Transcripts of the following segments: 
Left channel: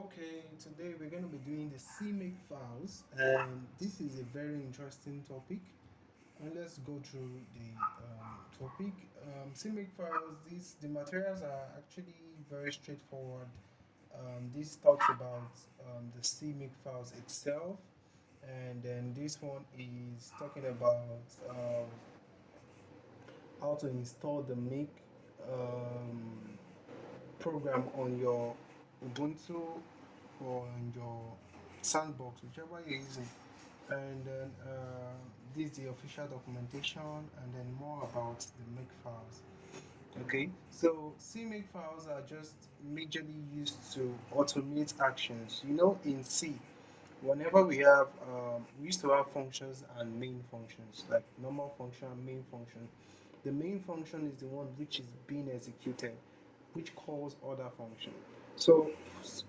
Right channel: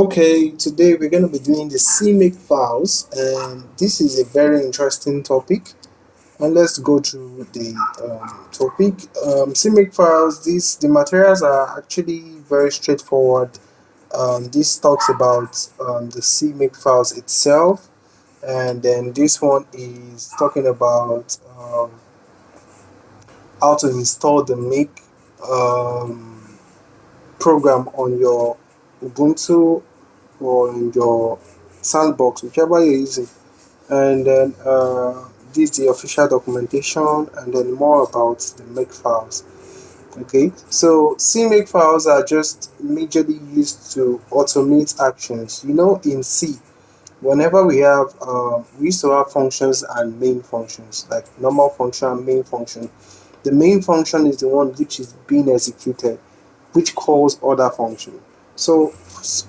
Okay, today we're going to be doing the CMake files, and this is a very interesting topic. And let's go through the topic. CMake files, the materials are actually very straightforward. This talks about the CMake files itself, and then this one is talking about how to install the Make program on your Ubuntu or in your sandbox, whichever you're using. And then this is the official documentation, and then more about the make files. Okay, so C make files are just majorly used to automate actions. In C, whenever we used to have functions and main functions, like normal function and main function. The main function is the one which is being executed, which calls other function. So,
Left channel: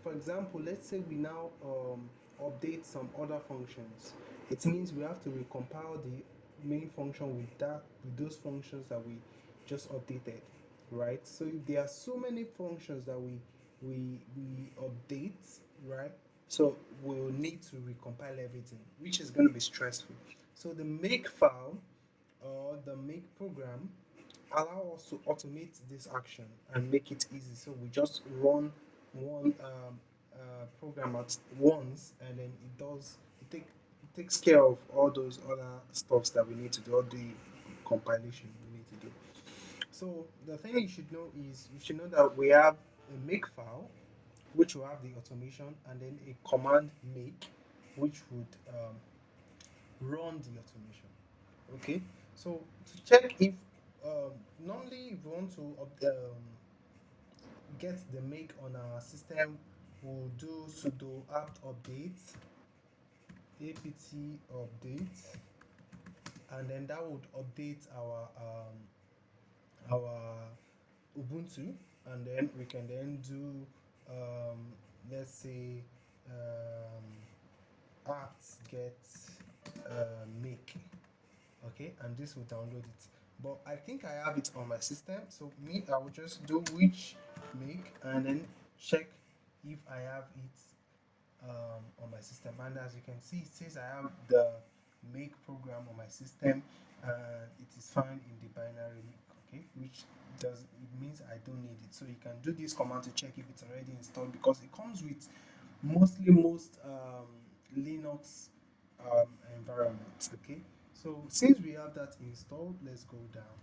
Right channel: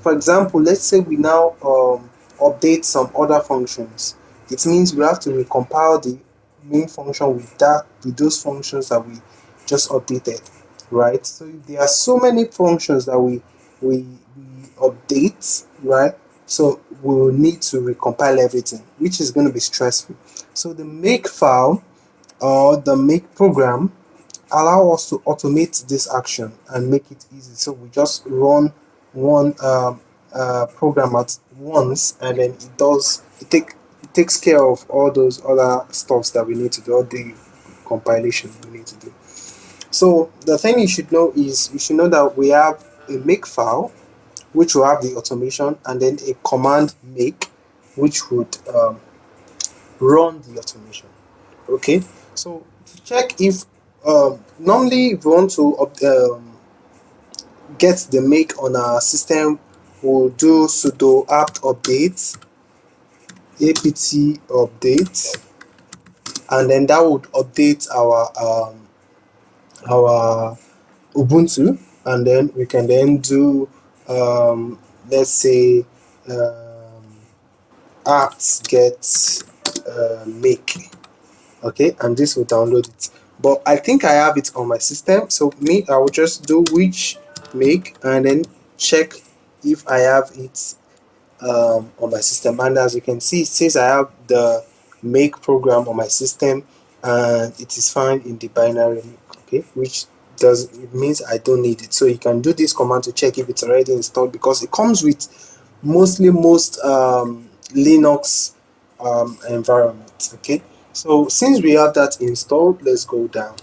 for example, let's say we now update some other functions. It means we have to recompile the main function with those functions that we just updated, right? So if there are so many functions that we update, right? So we will need to recompile everything, which is going to be stressful. So the make file or the make program allow us to automate this action and make it easy. So we just run one program at once, and then it takes care of all those other stuffs that we need to do, all the compilation we need to do. So the thing you should know is you should know that we have a make file which will have the automation, and then a command make which would run the automation. Okay, so to check if normally if we want to get the make on our system, we'll do sudo apt update apt update, and then that would update our Ubuntu, and then we can then do let's say apt get make. Okay, and this will download it. But I think I have it on my system, so I will just do which make and then check if I have it on my system. And as you can see, it says I have the make program on my system, and it is found in the binary. Okay, which it means I don't need it. So you can do this command to check if it's already installed, because it comes with most Linux environments. Okay, so since we have that installed, let's go down.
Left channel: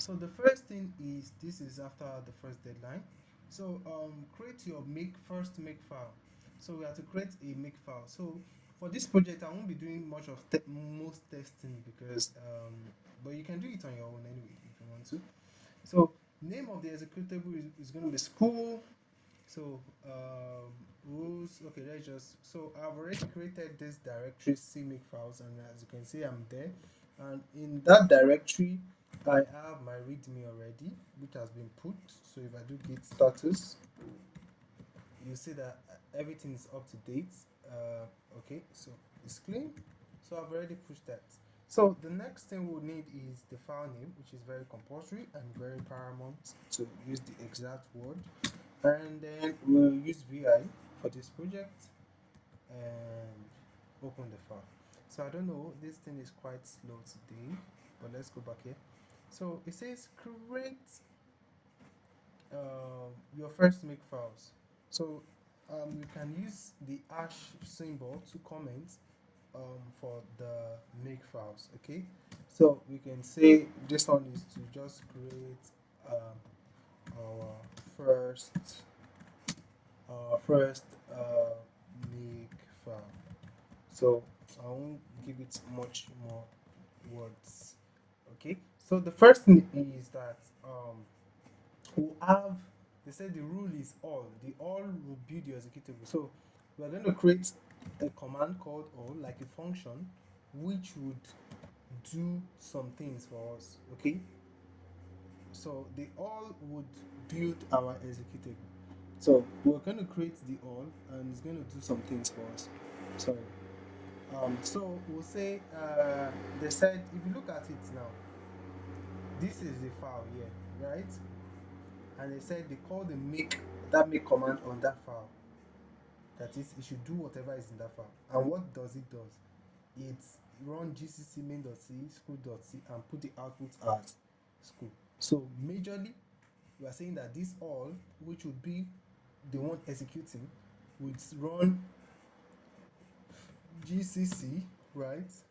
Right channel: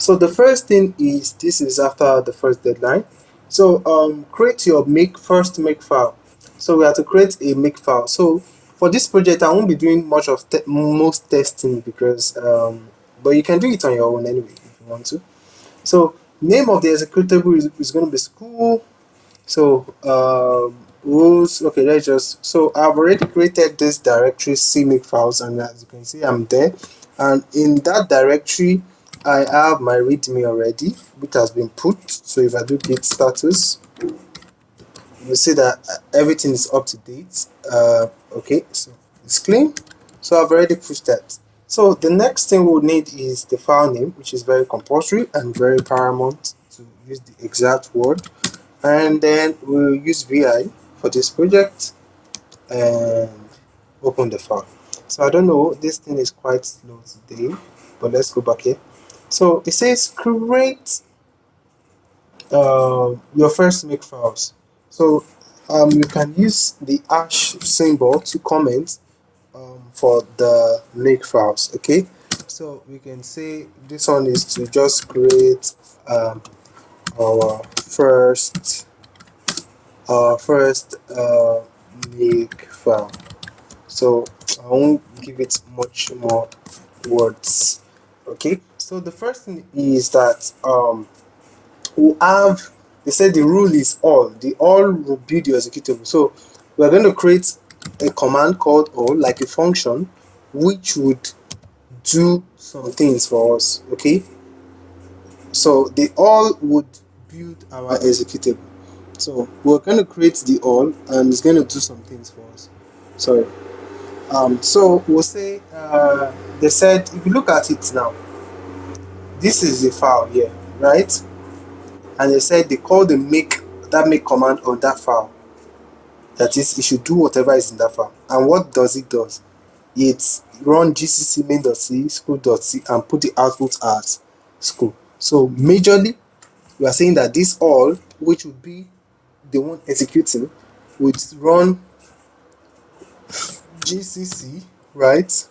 So the first thing is, this is after the first deadline. So create your first make file. So we have to create a make file. So for this project, I won't be doing much of most testing, because but you can do it on your own anyway if you want to. So name of the executable is going to be school. So rules. Okay, let's just. So I've already created this directory CMake files, and as you can see, I'm there. And in that directory, I have my README already, which has been put. So if I do git status, you see that everything is up to date. Okay, so it's clean. So I've already pushed that. So the next thing we'll need is the file name, which is very compulsory and very paramount to use the exact word. And then we'll use vi for this project and open the file. So I don't know, this thing is quite slow today, but let's go back here. So it says create your first make files. So you can use the hash symbol to comment for the make files. Okay, so we can say this one is to just create our first make file. So I won't give it much more words. Okay, so the first thing is that they said the rule is all. The all will build your executable. So we're going to create a command called all, like a function, which would do some things for us. Okay, so the all would build our executable. So we're going to create the all, and it's going to do some things for us. Sorry. So we'll say they said, if you look at it now, this is the file here, right? And they said they call the make that make command on that file. That is, it should do whatever is in that file. And what does it does? It run gcc main.c school.c and put the output as school. So majorly, we are saying that this all, which would be the one executing, would run gcc, right?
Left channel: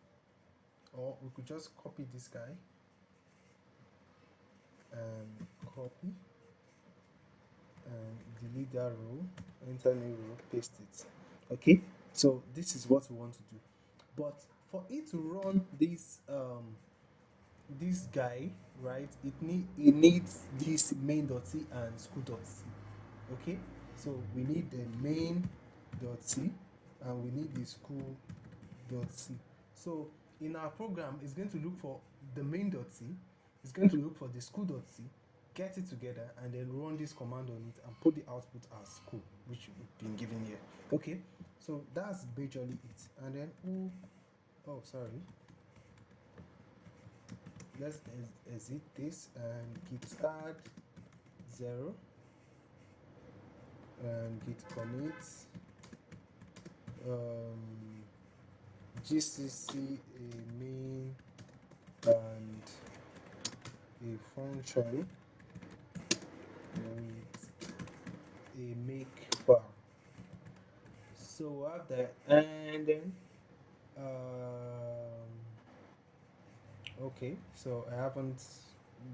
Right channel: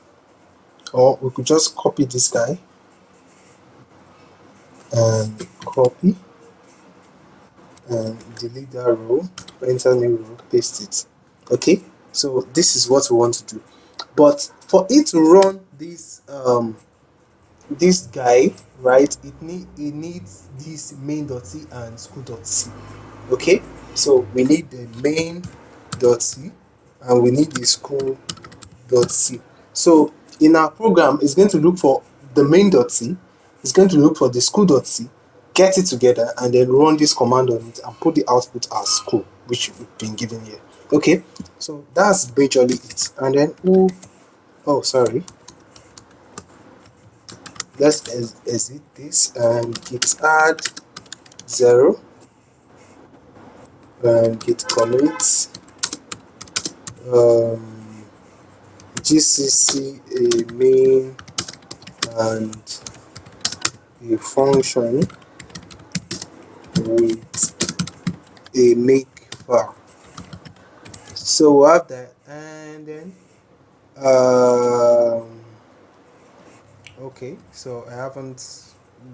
Or we could just copy this guy and copy and delete that row, enter new row, paste it. Okay, so this is what we want to do. But for it to run this guy, right, it needs this main.c and school.c. Okay, so we need the main.c and we need the school.c. So in our program, it's going to look for the main.c, it's going to look for the school.c, get it together, and then run this command on it and put the output as school, which we've been given here. Okay, so that's majorly it. And then sorry, let's exit this and git add 0 and git commit gcc a main and a function with a make file. So we have that, and then okay, so I haven't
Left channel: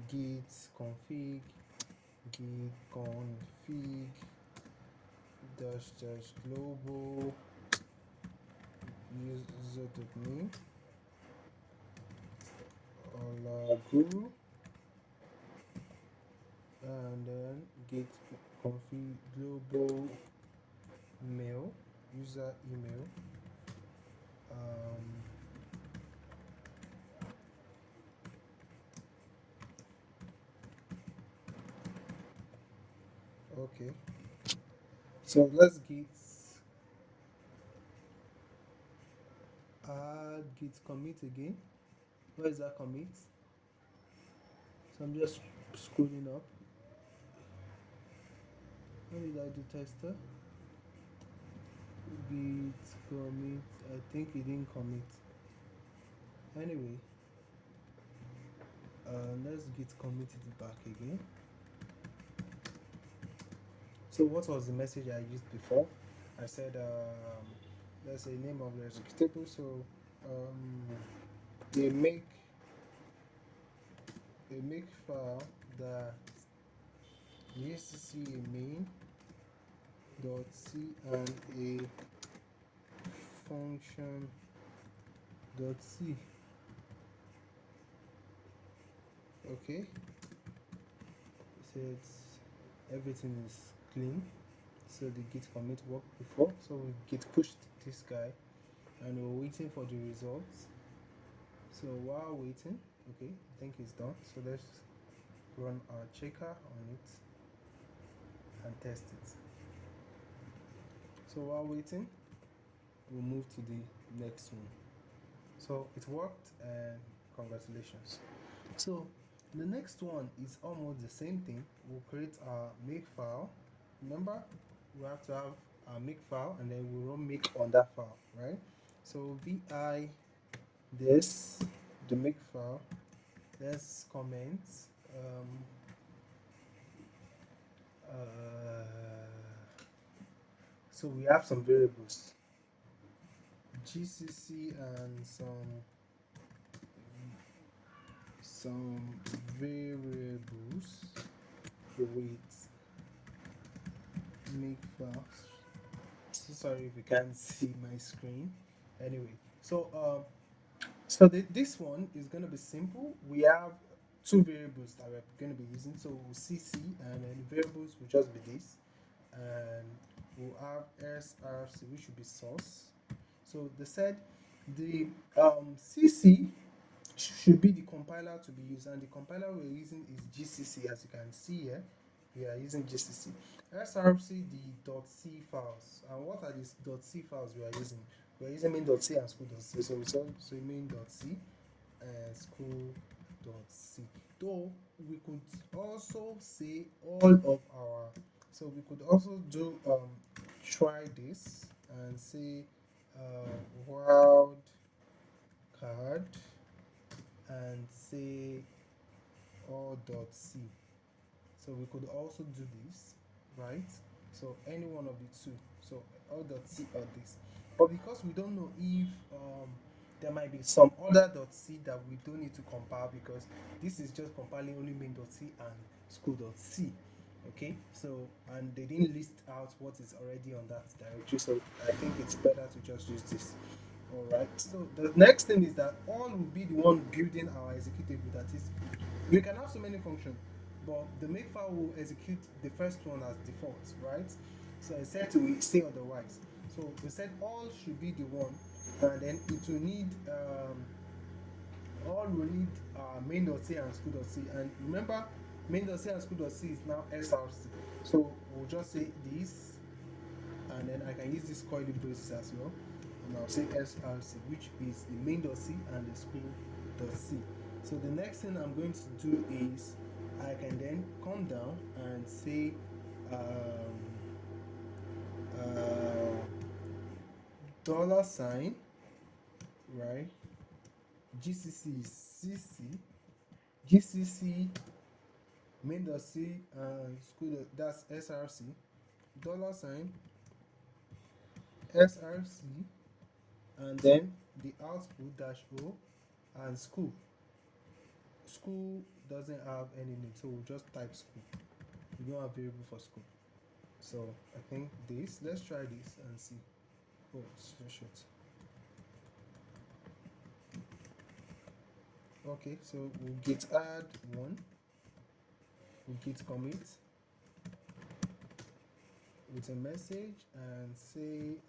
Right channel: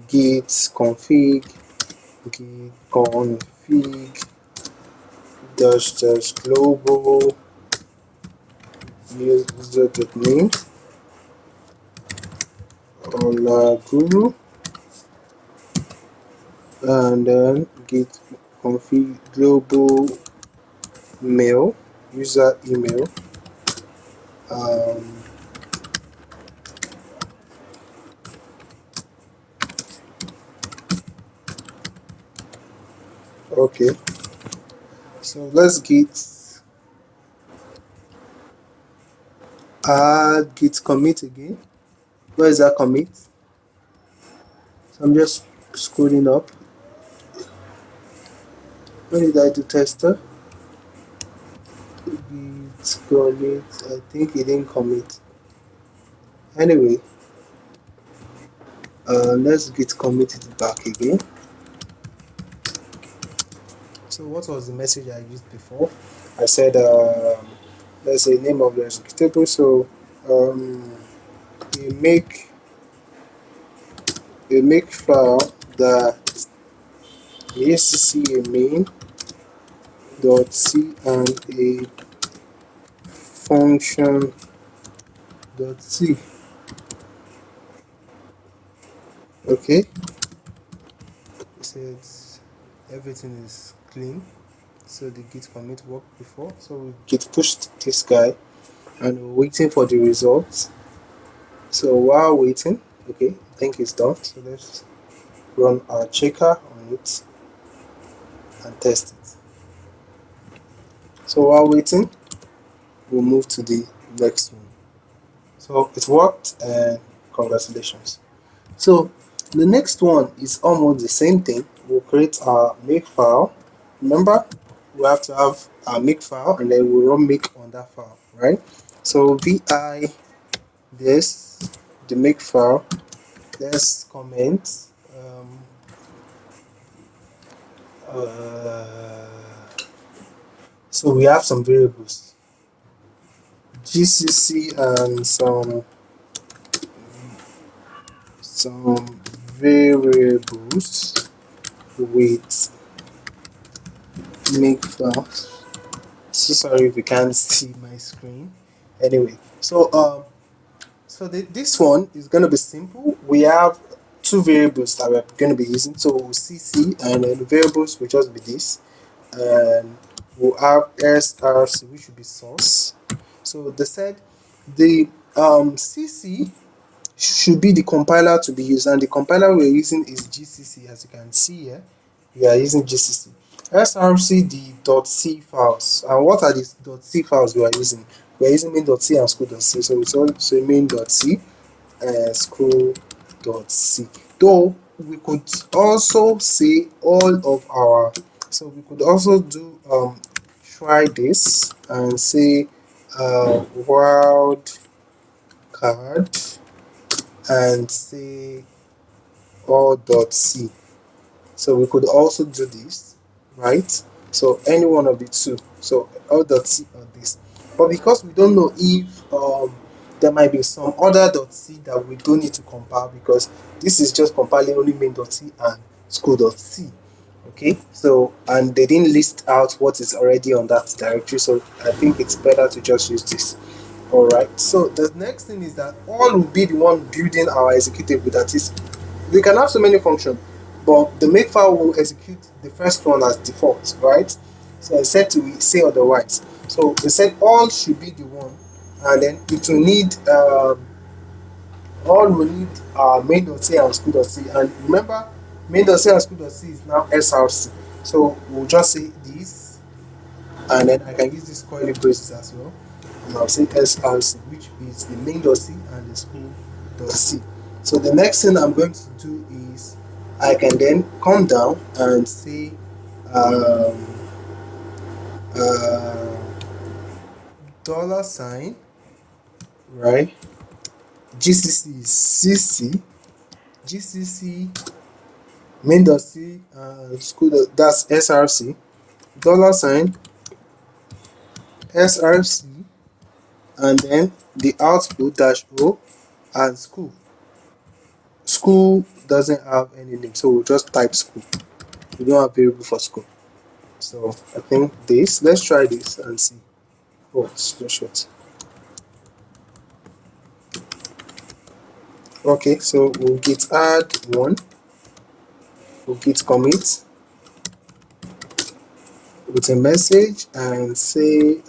git config dash global user.name on Guru, and then git config global mail user email okay, so let's add git commit again. Where is that commit? So I'm just scrolling up. When did I do tester? Git commit, I think it didn't commit. Anyway, let's git commit it back again. So what was the message I used before? I said let's say name of the executable. So a make file that acc a main dot c and a function dot c. Okay, said everything is clean, so the git commit worked before, so we git pushed this guy and we're waiting for the results. So while waiting, okay, I think it's done, so let's run our checker on it and test it. So while waiting, we'll move to the next one. So it worked, and congratulations. So the next one is almost the same thing. We'll create our make file. Remember, we have to have our make file, and then we'll run make on that file, right? So vi this the make file. Let's comment so we have some variables gcc and some variables with make files. So sorry if you can't see my screen. Anyway, so this one is going to be simple. We have two variables that we're going to be using. So cc, and then the variables will just be this, and we'll have src, which will be source. So they said the cc should be the compiler to be used, and the compiler we're using is gcc. As you can see here, we are using gcc. src the .c files, and what are the .c files we are using? We are using main.c and school.c. So it's also main.c and school.c. Though we could also say all of our So we could also do try this and say wild card and say all.c. So we could also do this, right? So any one of the two. So all.c or this. But because we don't know if there might be some other .c that we don't need to compile, because this is just compiling only main.c and school.c. Okay, so and they didn't list out what is already on that directory, so I think it's better to just use this. All right, so the next thing is that all will be the one building our executable. That is, we can have so many functions, but the makefile will execute the first one as default, right? So I said to say otherwise. So we said all should be the one, and then it will need all we need are main.c and school.c. And remember, main.c and school.c is now src. So we'll just say this, and then I can use this curly braces as well. And I'll say src, which is the main.c and the school.c. So the next thing I'm going to do is I can then come down and say uh, $, right? GCC is CC, GCC main.c school, that's src, $, src, and then the output dash o and school. School doesn't have any name, so we'll just type school. We don't have variable for school. So I think this, let's try this and see. Oh, it's too short. Okay, so we'll git add one, we'll git commit with a message and say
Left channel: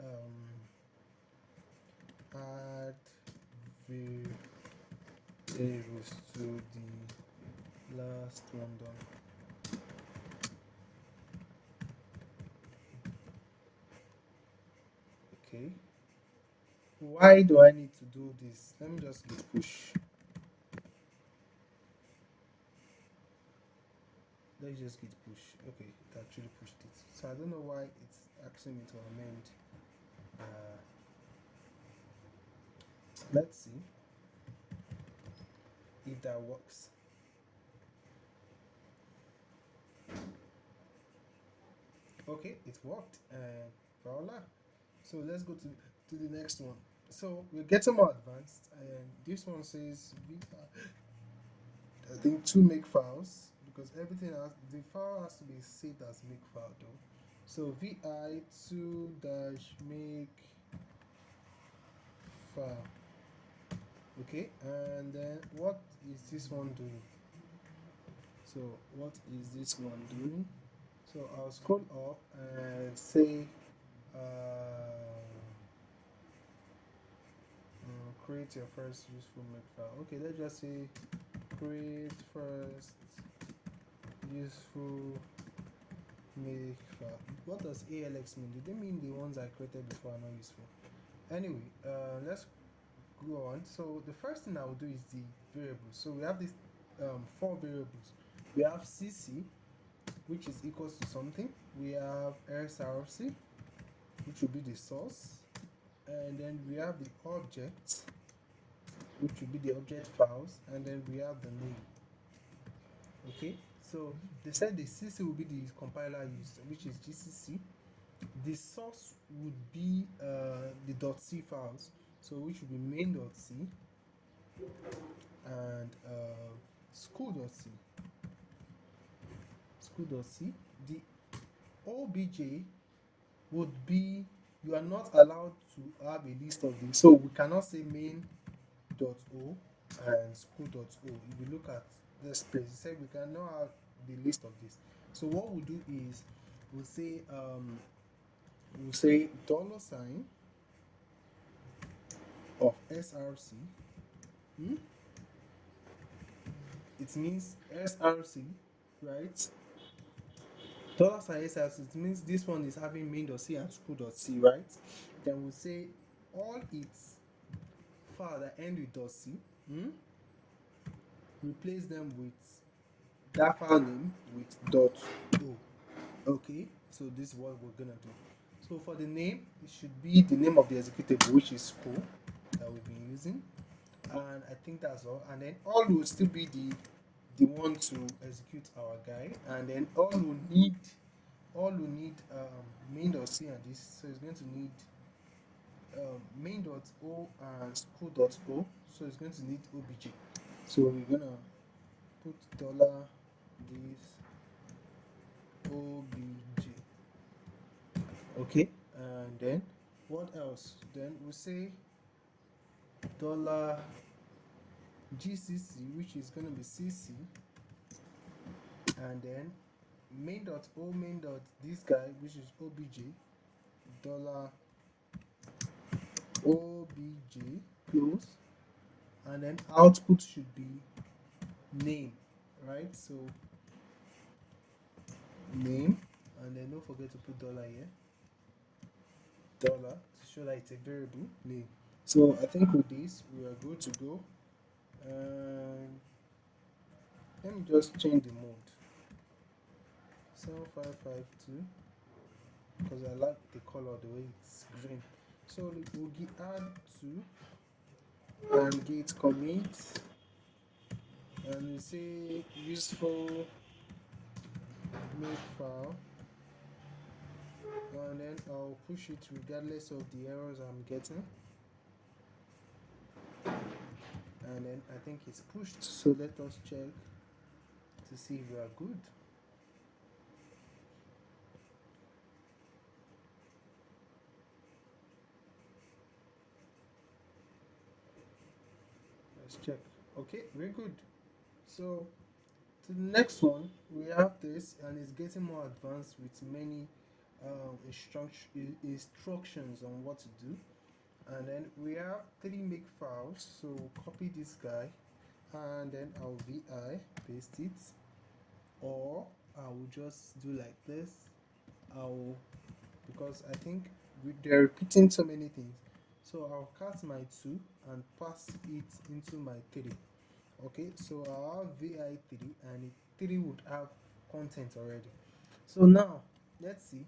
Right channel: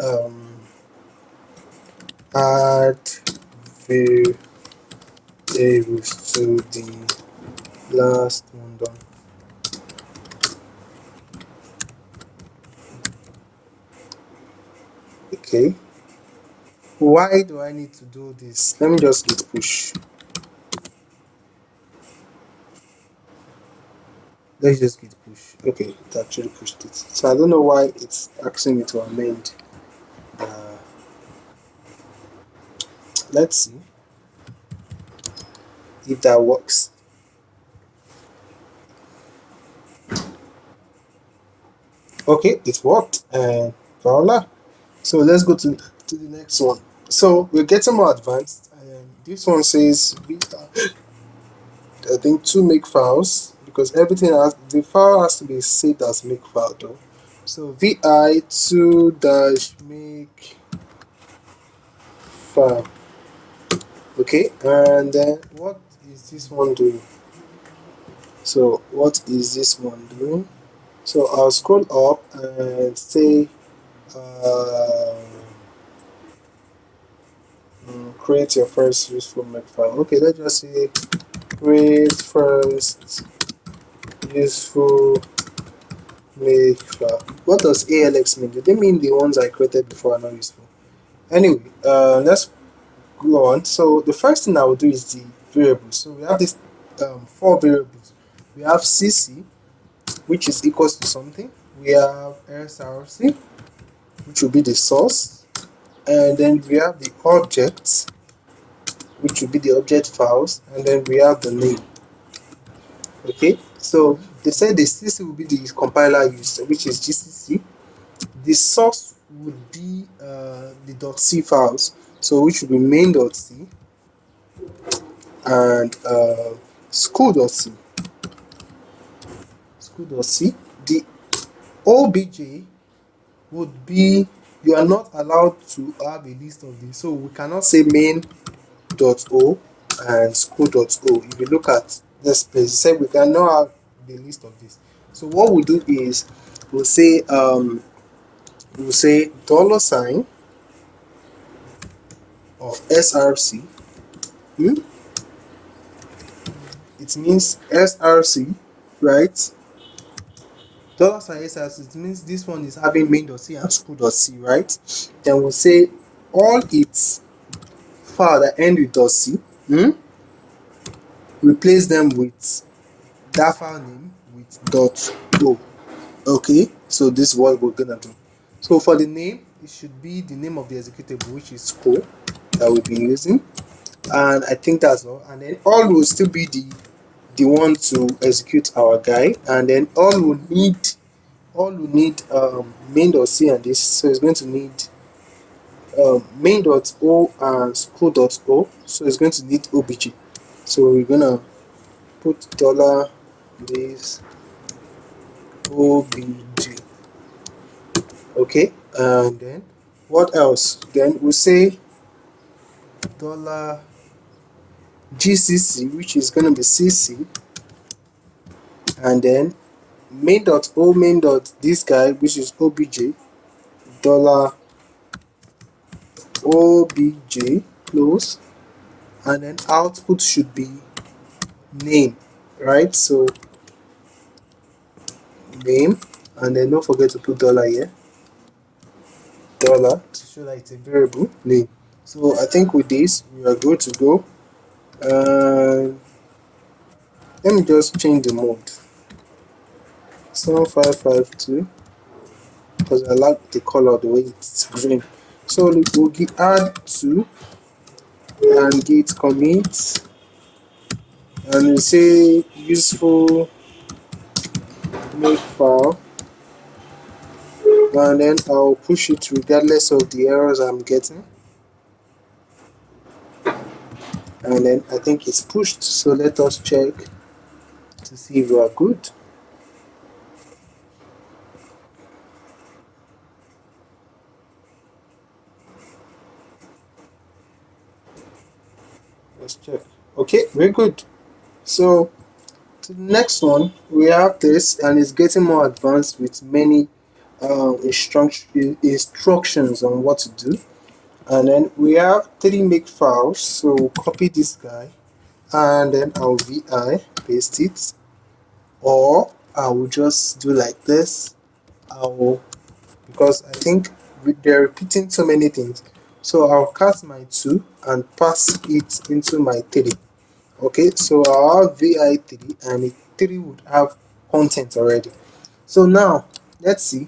add variables to the last one done. Okay, why do I need to do this? Let me just git push. Let's just git push. Okay, it actually pushed it. So I don't know why it's asking me to amend. Let's see if that works. Okay, it worked, and voila. So let's go to the next one. So we're getting more advanced, and this one says I think two Makefiles, because everything has, the file has to be saved as Makefile though. So vi 2 dash make file. Okay, and then what is this one doing? So what is this one doing? So I'll scroll up and say create your first useful Makefile. Okay, let's just say create first useful Makefile. What does ALX mean? Do they mean the ones I created before are not useful? Anyway, let's go on. So the first thing I will do is the variables. So we have these 4 variables. We have CC, which is equals to something. We have src, which will be the source, and then we have the objects, which will be the object files, and then we have the name. Okay, so they said the CC will be the compiler used, which is GCC. The source would be the .c files, so which will be main.c and school.c. School.c. The obj would be, you are not allowed to have a list of these, so we cannot say main.o and school.o. If you look at this place, it said we cannot have the list of this. So what we'll do is we'll say $, of src. It means src, right? $sign src, it means this one is having main.c and school.c, right? Then we'll say all its file that end with .c, replace them with that file name with .o. Okay, So this is what we're gonna do. So for the name, it should be the name of the executable, which is co, that we'll be using. And I think that's all. And then all will still be the one to execute our guy. And then all we need main.c and this. So it's going to need main.o and school.o. So it's going to need obj. So we're gonna put dollar this obj. Okay, and then what else? Then we say dollar gcc, which is gonna be cc, and then main.o main dot this guy, which is obj, dollar obj close, and then output should be name, right? So name, and then don't forget to put dollar here, dollar, to show that it's a variable name. So I think with this we are good to go. Let me just change the mode 7552 because I like the color, the way it's green. So we'll add 2 and git commit, and we say useful make file, and then I'll push it regardless of the errors I'm getting. And then I think it's pushed, so let us check to see if we are good. Let's check. Okay, very good. So to the next one, we have this, and it's getting more advanced with many instructions on what to do. And then we have 3 make files, so we'll copy this guy, and then I'll vi paste it, or I will just do like this. Because I think they're repeating so many things, so I'll cast my 2 and pass it into my 3. Okay, so I'll have vi3, and the 3 would have content already. So now let's see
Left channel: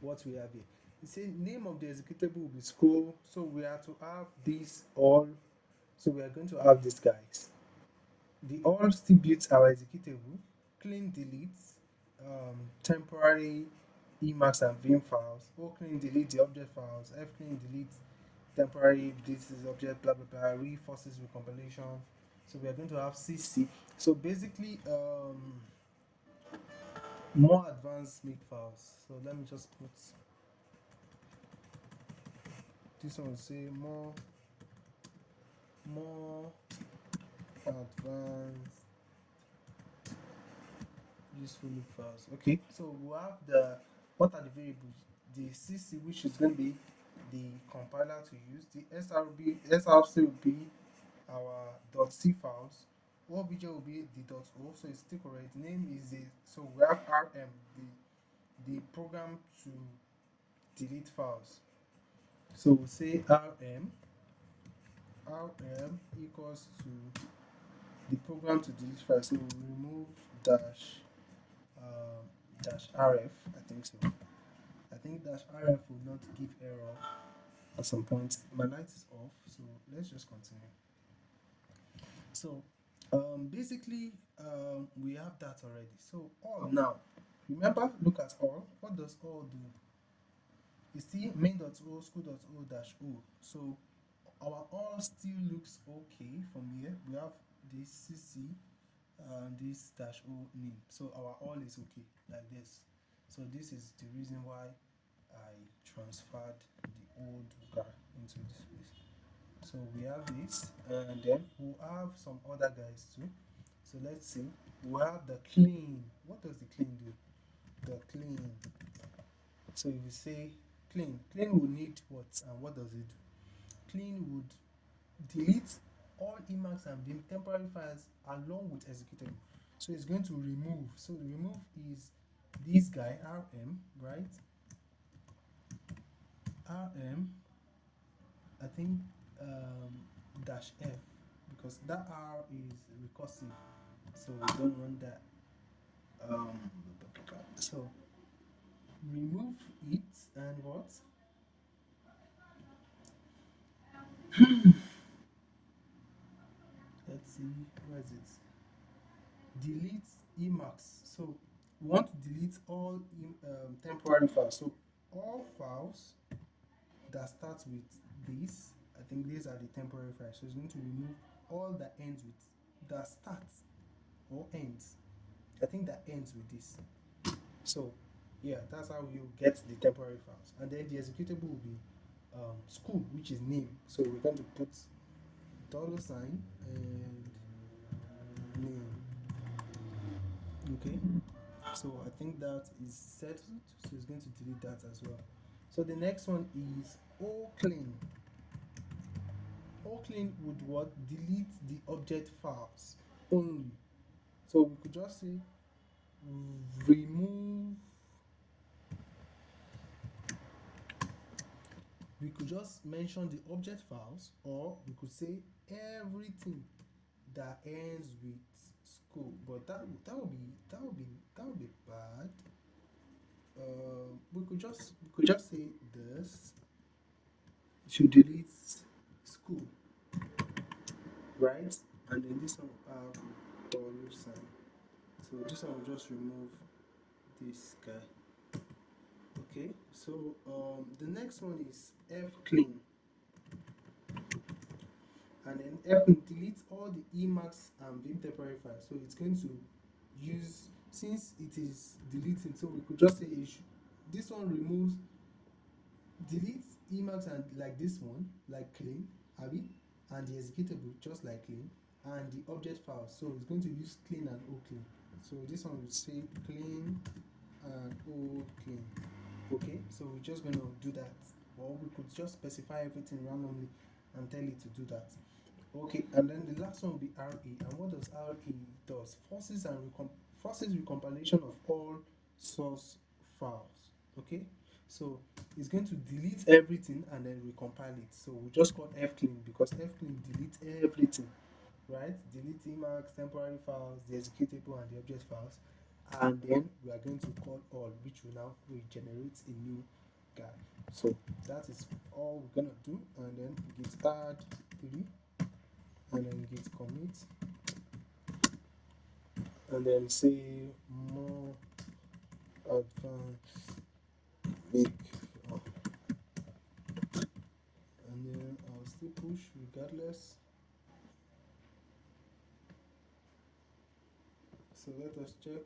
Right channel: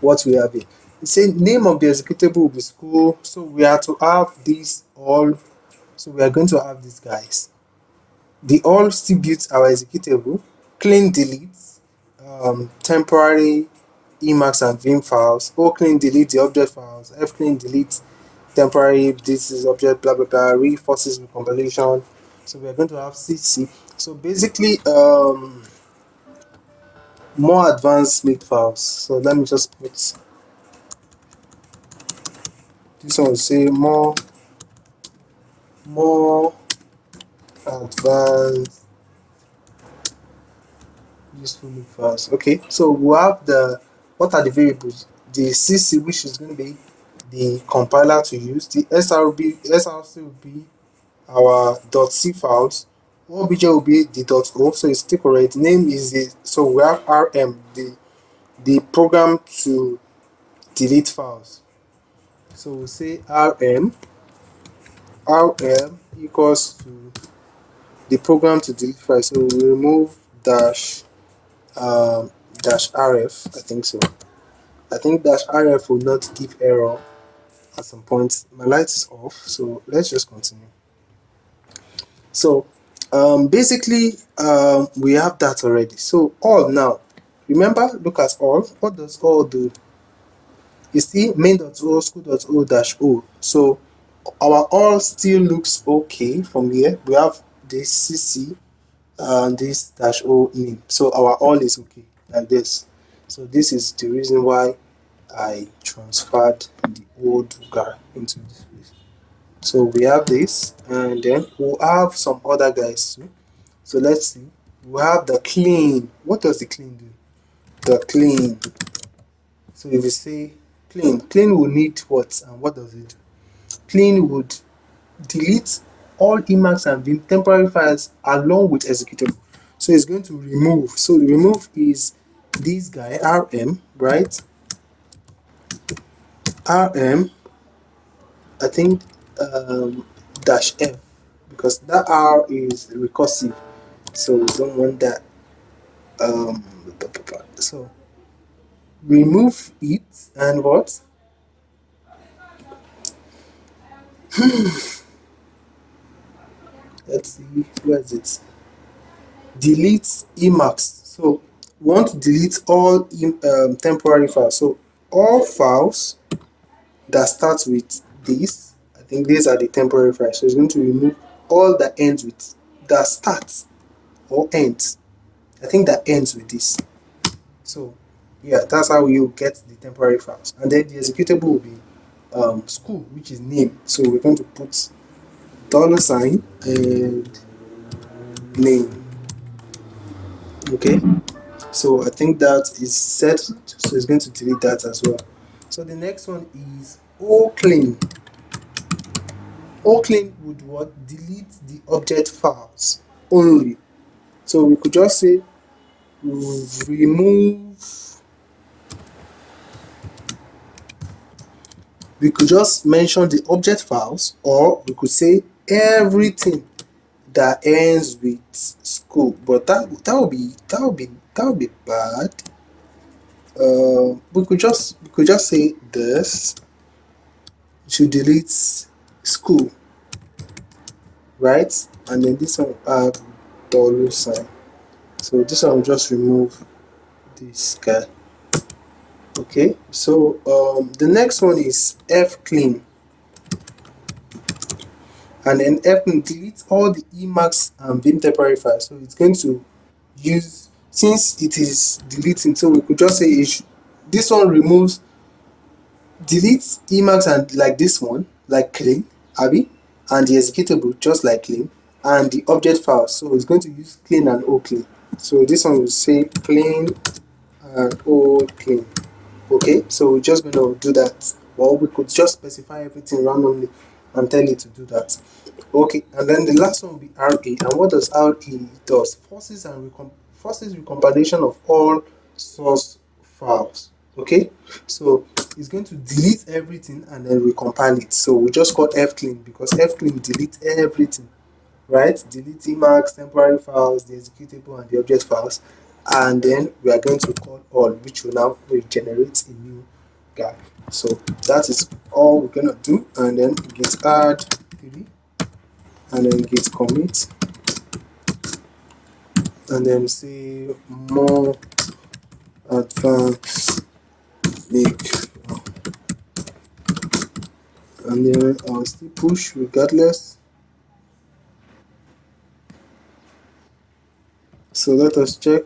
what we have here. It says name of the executable will be school, so we are to have these all. So we are going to have these guys. The all still builds our executable, clean delete, temporary Emacs and Vim files, O clean delete the object files, F clean delete temporary, this is object, blah blah blah, reinforces recompilation. So we are going to have CC. So basically, more advanced make files. So let me just put this one, say more advanced useful make files. Okay, so we have what are the variables? The CC, which is going to be the compiler to use. The SRC will be our .c files. OBJ will be the .o, so it's still correct. Name is so we have RM, the program to delete files. So we'll say RM equals to the program to delete files. So we remove dash rf. I think so. I think dash rf will not give error at some point. My light is off, so let's just continue. So basically we have that already. So all now, remember, look at all. What does all do? You see main.o school.o dash o. So our all still looks okay from here. We have this cc and this dash o name. So our all is okay like this. So this is the reason why I transferred the old guy into this place. So we have this, and then we'll have some other guys too. So let's see. We have the clean. What does the clean do? The clean. So if you say clean will need what, and what does it do? Clean would delete all Emacs and Vim temporary files along with executable. So it's going to remove. So the remove is this guy rm, right? Rm, I think dash f, because that r is recursive, so we don't want that. So remove it, and what? Let's see, where is it? Delete Emacs. So we want to delete all temporary files. So all files that start with this, I think these are the temporary files. So it's going to remove all that ends with, that starts or ends. I think that ends with this. So yeah, that's how you get the temporary files. And then the executable will be school, which is name. So we're going to put $sign and name. Okay. So I think that is set. So it's going to delete that as well. So the next one is all clean. All clean would what? Delete the object files only. So we could just say remove. We could just mention the object files, or we could say everything that ends with school. But that would be bad. We could just say this to delete school, right? And then this one add $sign. So this one will just remove this guy. Okay, so the next one is F clean, and then F clean deletes all the Emacs and Vim temporary files. So it's going to use, since it is deleting, so we could just say this one removes, deletes Emacs and like this one, like clean, Abby, and the executable just like clean, and the object files. So it's going to use clean and O clean. So this one will say clean and O clean. Okay, so we're just going to do that. Or we could just specify everything randomly and tell it to do that. Okay, and then the last one will be RA. And what does RA does? Forces recompilation of all source files. Okay, so it's going to delete everything and then recompile it. So we just call fclean because fclean deletes everything, right? Delete Emacs, temporary files, the executable, and the object files. And then we are going to call all, which will now generate a new guy. So that is all we're gonna do, and then git add 3, and then git commit, and then say more advanced make, and then I'll still push regardless. So let us check.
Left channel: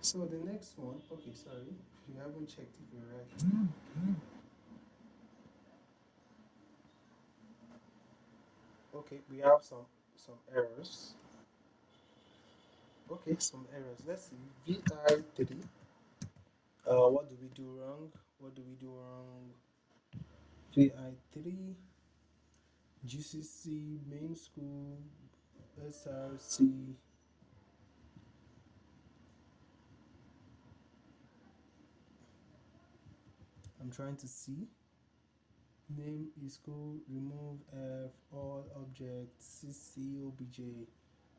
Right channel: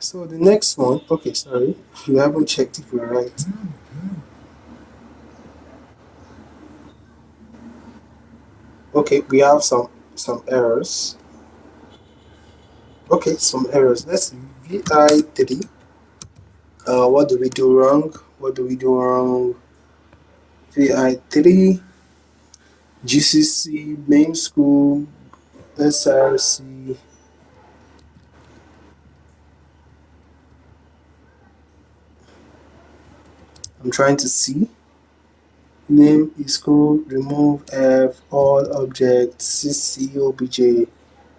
So the next one, okay, sorry, you haven't checked if we're right. Okay, we have some errors. Okay, some errors. Let's see. VI3. What do we do wrong? What do we do wrong? VI3, GCC, main school, SRC. I'm trying to see. Name is school, remove F, all objects, CC, OBJ,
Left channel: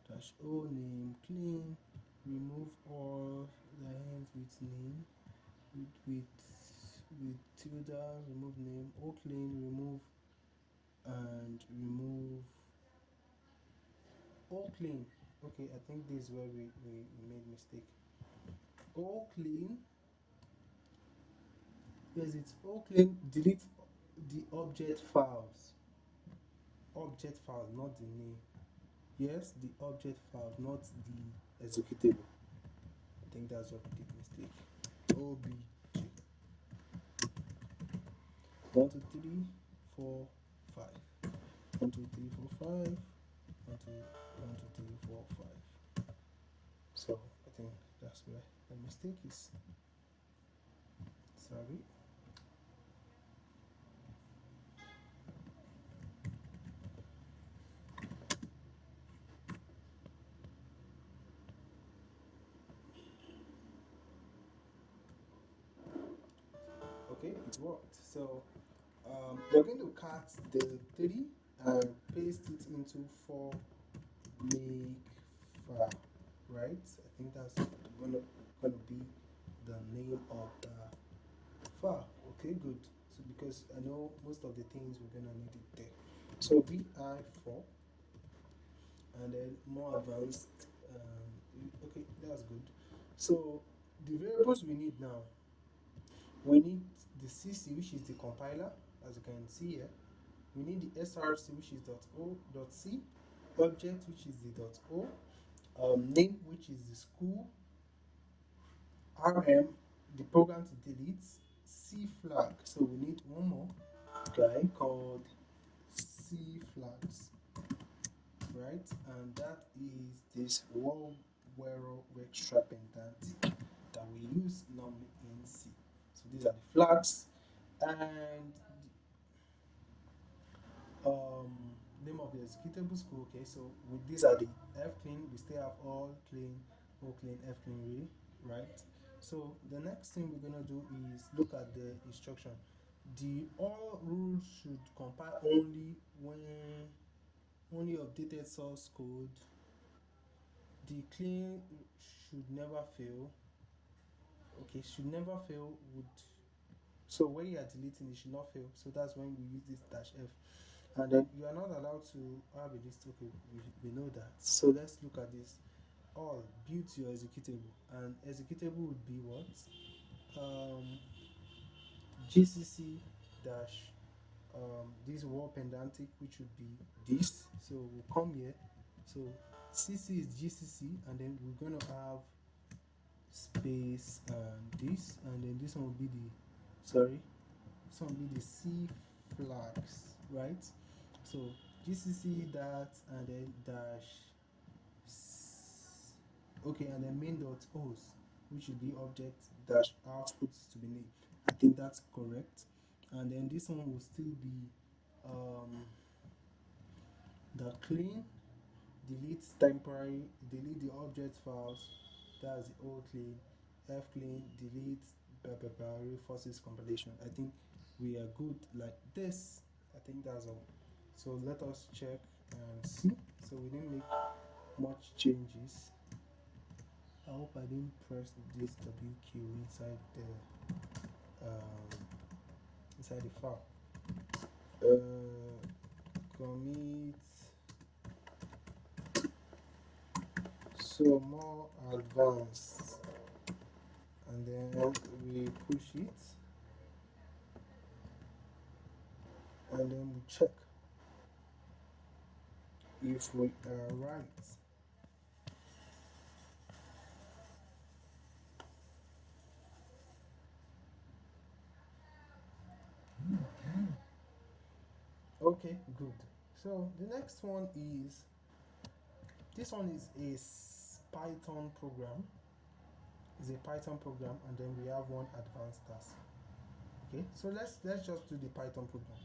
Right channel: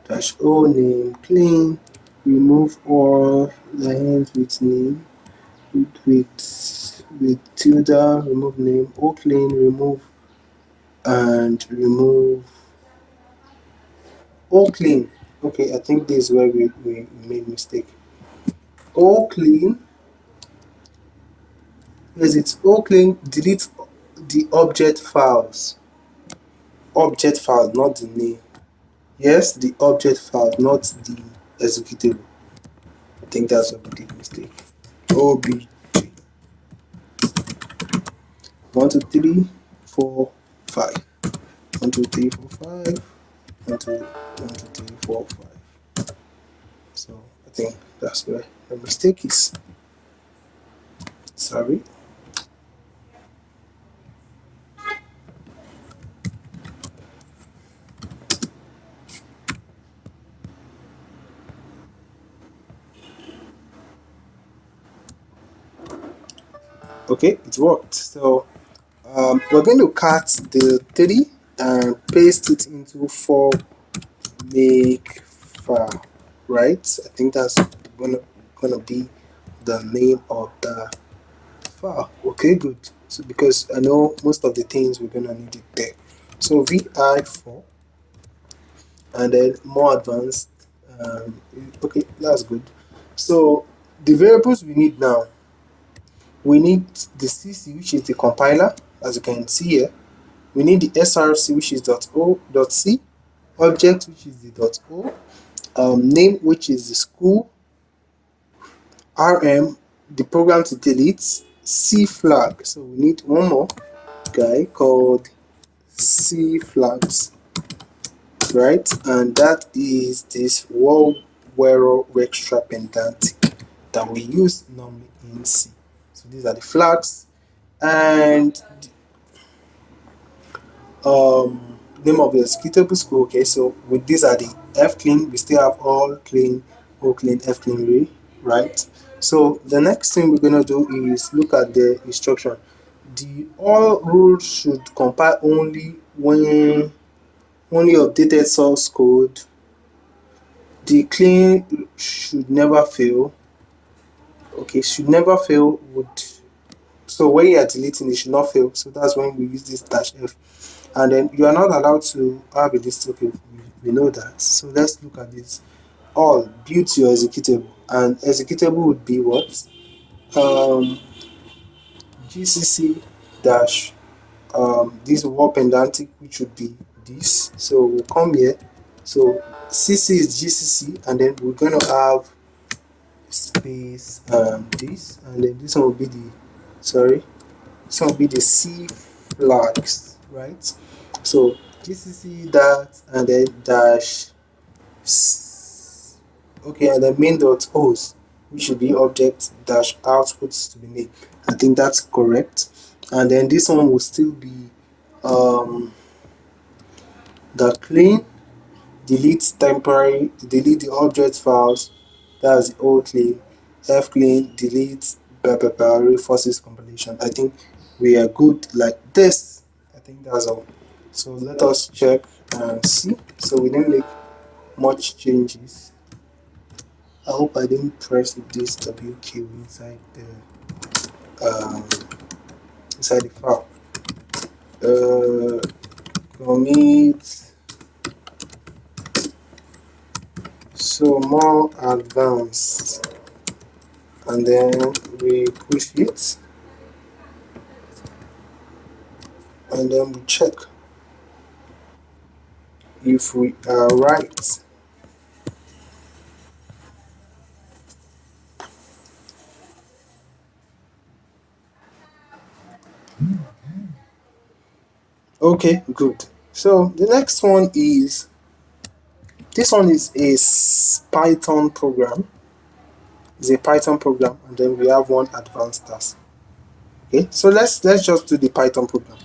dash O, name, clean, remove all lines with name, with tilde, remove name, O clean, remove, and remove all clean. Okay, I think this is where we made mistake. All clean. Yes, it's all clean. Delete the object files. Object file, not the name. Yes, the object file, not the executable. I think that's what we did mistake. OBJ. 1, 2, 3, 4, 5. 1, 2, 3, 4, 5. 1, 2, 1, 2, 3, 4, 5. So I think that's where the mistake is. Sorry. Okay, it worked. So We're going to cut the 3 and paste it into 4 make file, right? I think that's gonna be the name of the file. Okay, good. So because I know most of the things we're gonna need it there. So vi4 and then more advanced. Okay, that's good. So the variables we need now, we need the cc, which is the compiler, as you can see here. We need the src, which is .o.c, object, which is the .o, name, which is the school, rm, the program to delete, c flag. So we need one more guy called c flags, right? And that is this word wero extra pedantic that we use normally in C. So these are the flags, and um, name of the executable school. Okay, so with these are the f clean. We still have all clean, o clean, f clean ray, right? So the next thing we're gonna do is look at the instruction. The all rules should compile only when only updated source code. The clean should never fail. Okay, should never fail would, so when you are deleting it should not fail. So that's when we use this dash f. And then you are not allowed to have a list. Okay, we know that. So let's look at this. All build your executable, and executable would be what? GCC dash this war pedantic, which would be this. So we'll come here. So CC is GCC, and then we're going to have space this, and then this one will be the, sorry, this one will be the C flags, right? So GCC that, and then dash okay, and then main dot O's, which should be object dash outputs to be made. I think that's correct. And then this one will still be the clean, delete temporary, delete the object files, that's the old clean, f clean, delete forces compilation. I think we are good like this. I think that's all. So let us check and see. So we didn't make much changes. I hope I didn't press this WQ um, inside the file. Commit. So more advanced, and then we push it, and then we check if we are right. Okay, good. So the next one is, this one is a Python program. It's a Python program, and then we have one advanced task. Okay, so let's just do the Python program.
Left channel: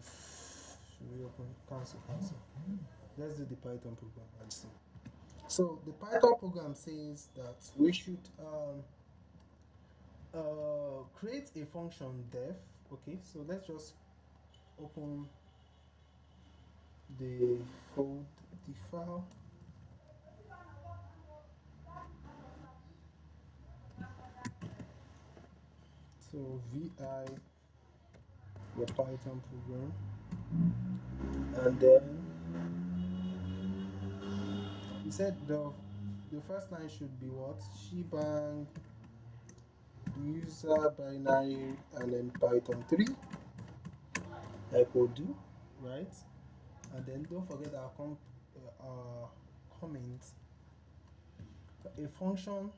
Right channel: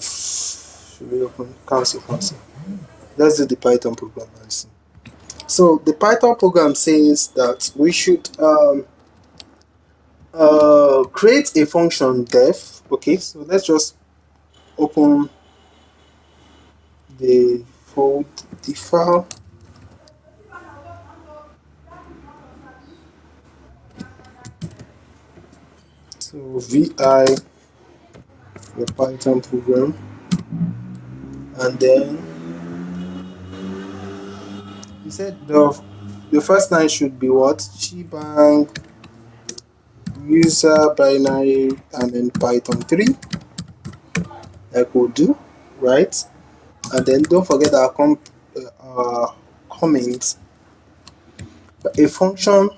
Should we open cancel? Let's do the Python program and see. So the Python program says that we should create a function def. Okay, so let's just open the file. So vi the Python program, and then he said the first line should be what? Shebang user binary, and then Python 3 like we'll do, right? And then don't forget our comment. A function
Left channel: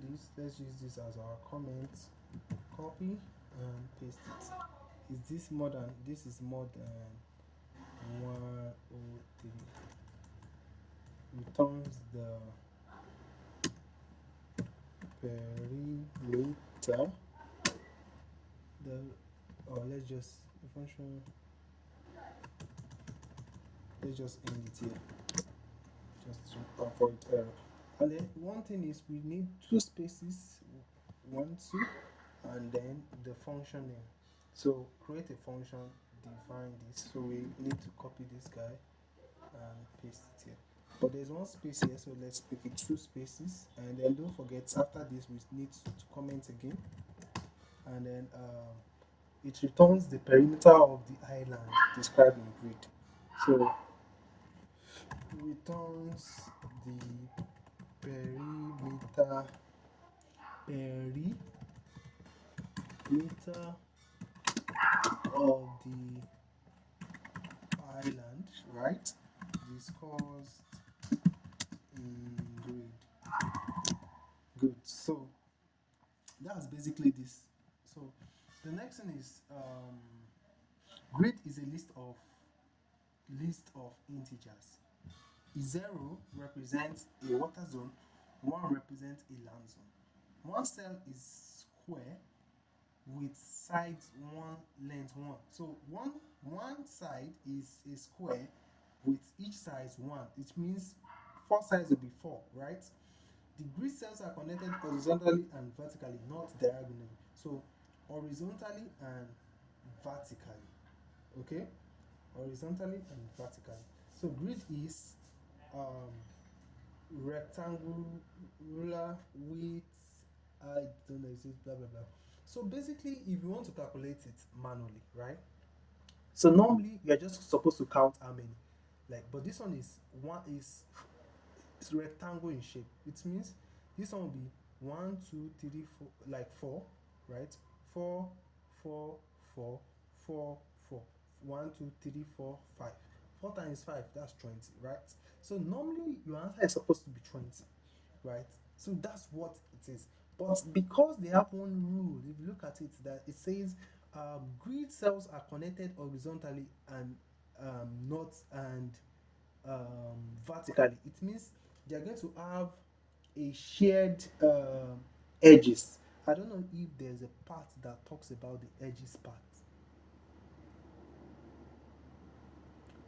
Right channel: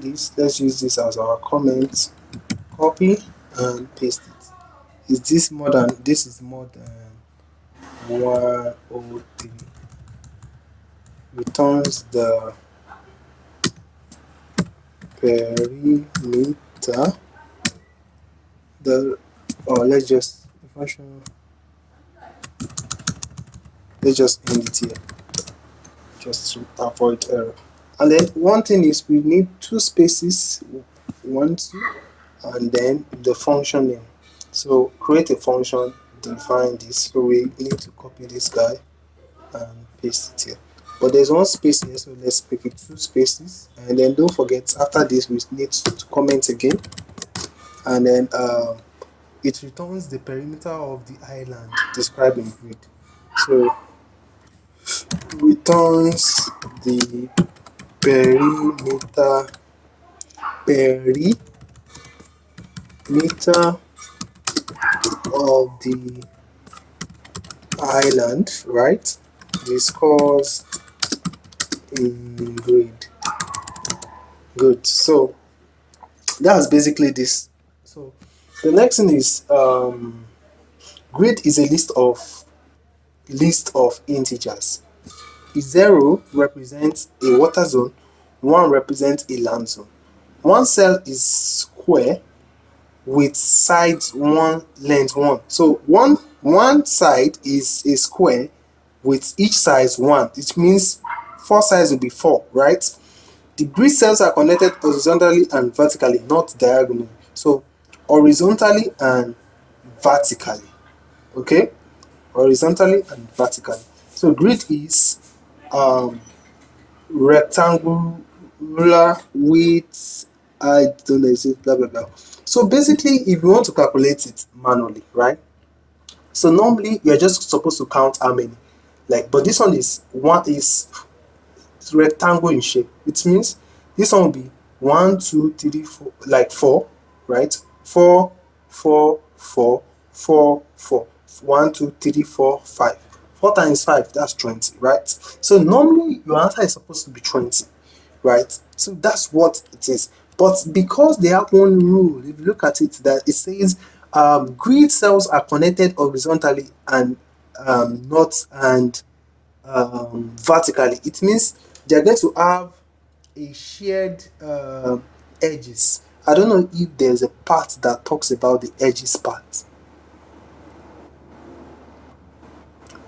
this, let's use this as our comment, copy and paste it. Is this more than, this is more than 103, returns the perimeter, the, or let's just function, let's just end it here just to avoid error. And then one thing is we need two spaces, 1 2, and then the function name. So create a function, define this. So we need to copy this guy and paste it here. But there's one space here, so let's make it 2 spaces. And then don't forget, after this we need to comment again, and then it returns the perimeter of the island described in grid. So returns the perimeter of the island, right? Discussed in grid. Good. So that's basically this. So the next thing is grid is a list of integers. 0 represents a water zone, 1 represents a land zone. One cell is square with sides 1, length 1. So one side is a square with each side 1. It means 4 sides will be 4, right? The grid cells are connected horizontally and vertically, not diagonally. So horizontally and vertically. Okay? Horizontally and vertically. So grid is rectangular with, I don't know, blah blah blah. So basically, if you want to calculate it manually, right? So normally you're just supposed to count how many, like, but this one is rectangle in shape. It means this one will be 1 2 3 4, like 4, right? 4 4 4 4 4 1 2 3 4 5. 4 times 5, that's 20, right? So normally your answer is supposed to be 20, right? So that's what it is. But because they have one rule, if you look at it, that it says grid cells are connected horizontally and not and vertically. It means they're going to have a shared edges. I don't know if there's a part that talks about the edges part.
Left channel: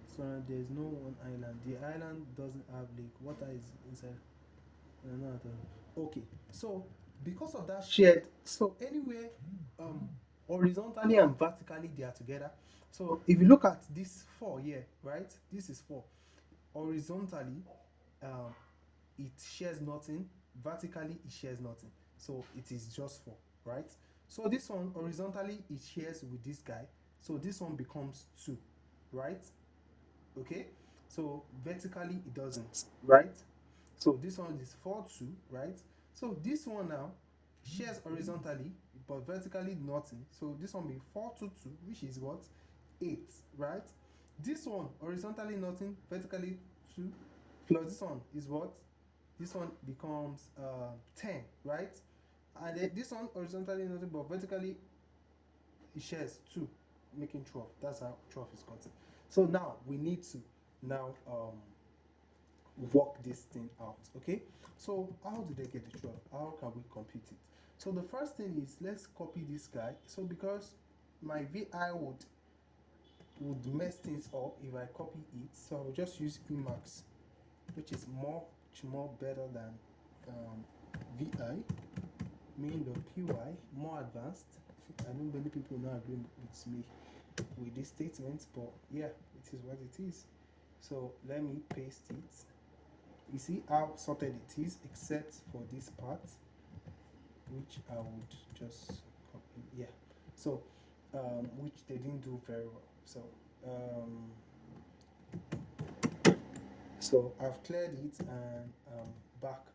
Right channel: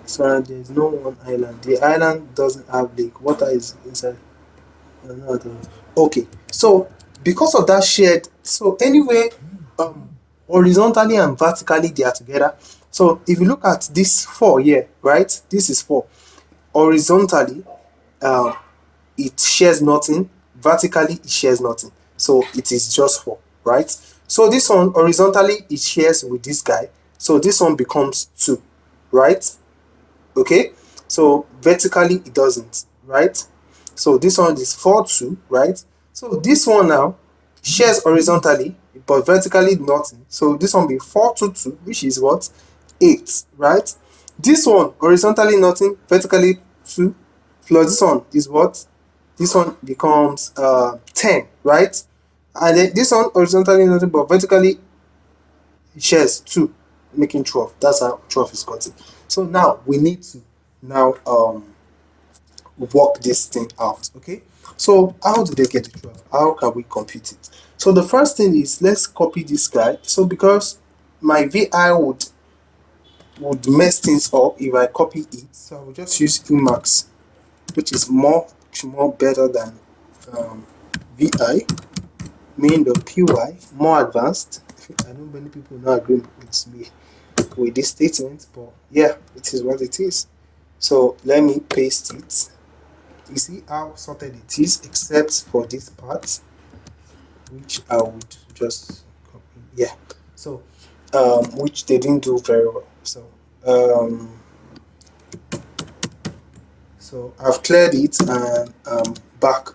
So there's no one island. The island doesn't have lake. Water is inside. Okay, so because of that shared, so anyway, horizontally and vertically they are together. So if you look at this 4 here, right? This is 4. Horizontally, it shares nothing. Vertically, it shares nothing. So it is just 4, right? So this one, horizontally, it shares with this guy. So this one becomes 2, right? Okay? So vertically, it doesn't, right? So this one is 4 2, right? So this one now shares horizontally, but vertically nothing. So this one be 4 2 2, which is what? 8, right? This one horizontally nothing, vertically 2, plus this one is what? This one becomes 10, right? And then this one horizontally nothing, but vertically it shares 2, making 12. That's how 12 is gotten. So now we need to now work this thing out. Okay, so how do they get the 12? How can we compute it? So the first thing is, let's copy this guy. So because my vi would mess things up if I copy it, so I will just use Emacs, which is much more better than vi main.py, more advanced. I know many people not agree with me with this statement, but yeah, it is what it is. So let me paste it. You see how sorted it is, except for this part, which I would just copy. Yeah, so which they didn't do very well. So I've cleared it and back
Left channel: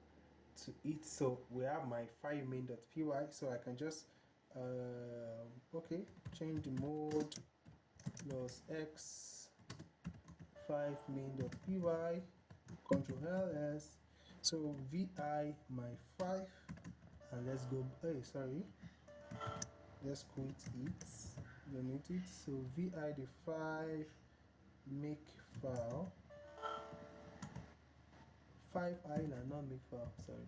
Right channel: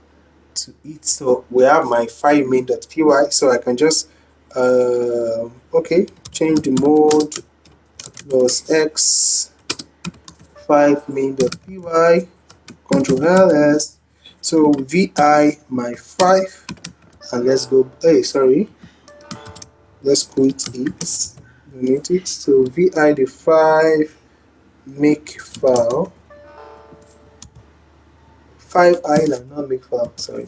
to it. So we have my file main.py, so I can just okay, change the mode plus x 5 main.py, Control ls. So vi my 5, and let's go. Hey, sorry, let's quit it. Delete it. So vi the 5 make file 5 island, not make file. Sorry.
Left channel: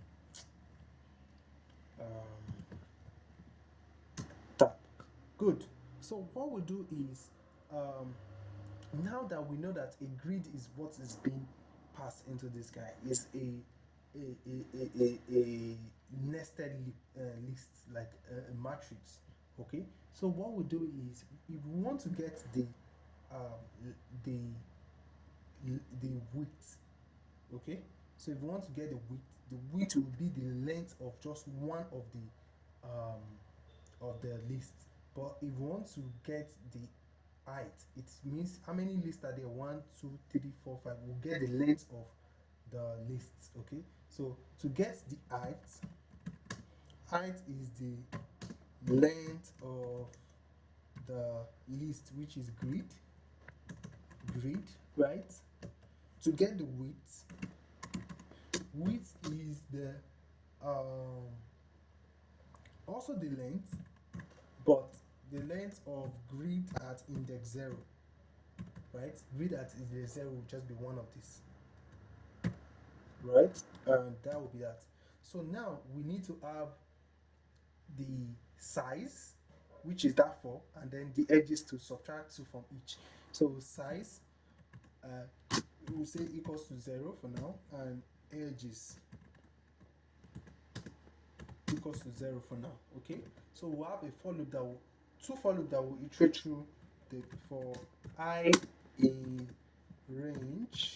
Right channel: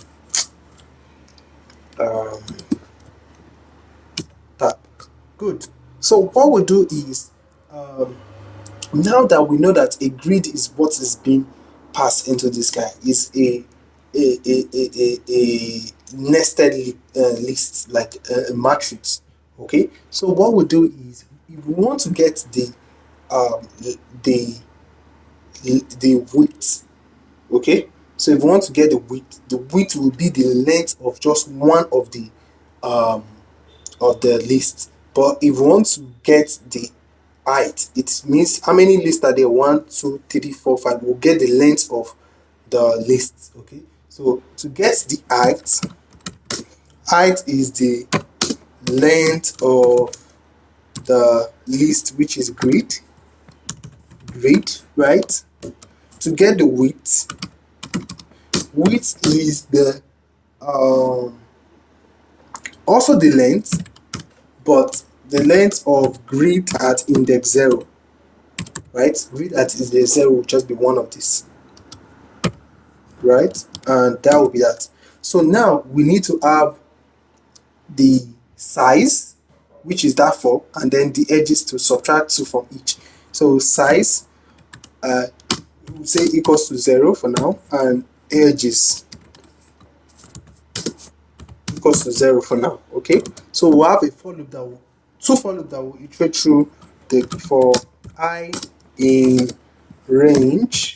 Tab. Good. So what we do is now that we know that a grid is what is being passed into this guy, is a a nested list, like a matrix. Okay, so what we do is, if we want to get um the the width. Okay, so if we want to get the width will be the length of just one um of the list. But if we want to get the height, it means how many lists are there? One, two, three, four, five. We'll get the length of the list. Okay, so to get the height is the length of the list, which is grid, right? To get the width is the um also the length, but the length of grid at index 0, right? Grid at index 0 will just be one of these, right? And that will be that. So now we need to have the size, which is that 4, and then the edges to subtract 2 from each. So size, we'll say equals to 0 for now, and edges equals to 0 for now. Okay, so we'll have a for loop that will iterate through the for I in range.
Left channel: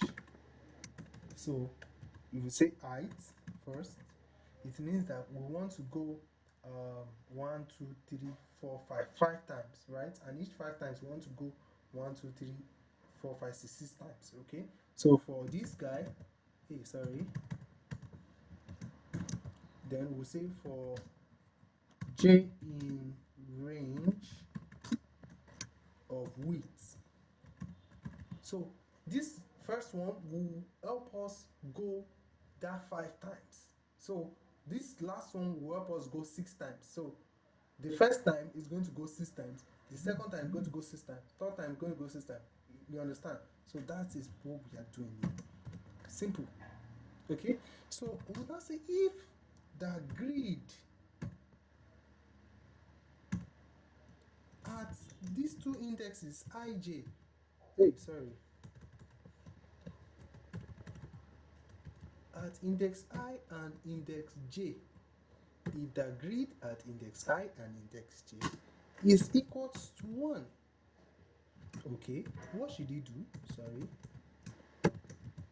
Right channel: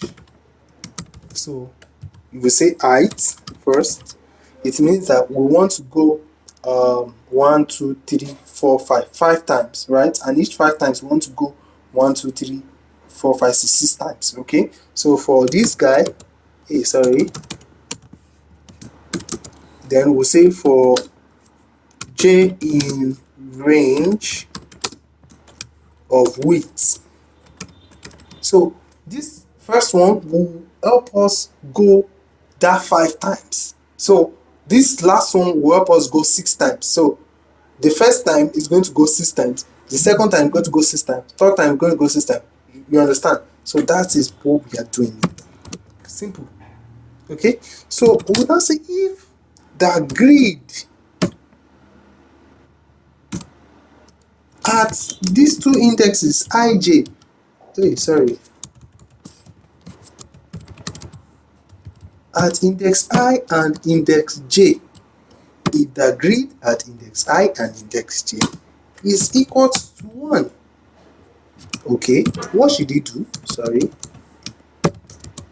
So if we say height first, it means that we want to go 1, 2, 3, 4, 5 times, right? And each 5 times we want to go 1, 2, 3, 4, 5, 6 times. Okay, so for this guy, then we'll say for j in range of width. So this first one will help us go that 5 times. So this last one will help us go 6 times. So the first time is going to go 6 times. The second time is going to go 6 times. Third time is going to go 6 times. You understand? So that is what we are doing. Simple. Okay. So we now say if the grid at these two indexes ij, at index I and index j, if the grid at index I and index j is equal to 1, okay, what should he do?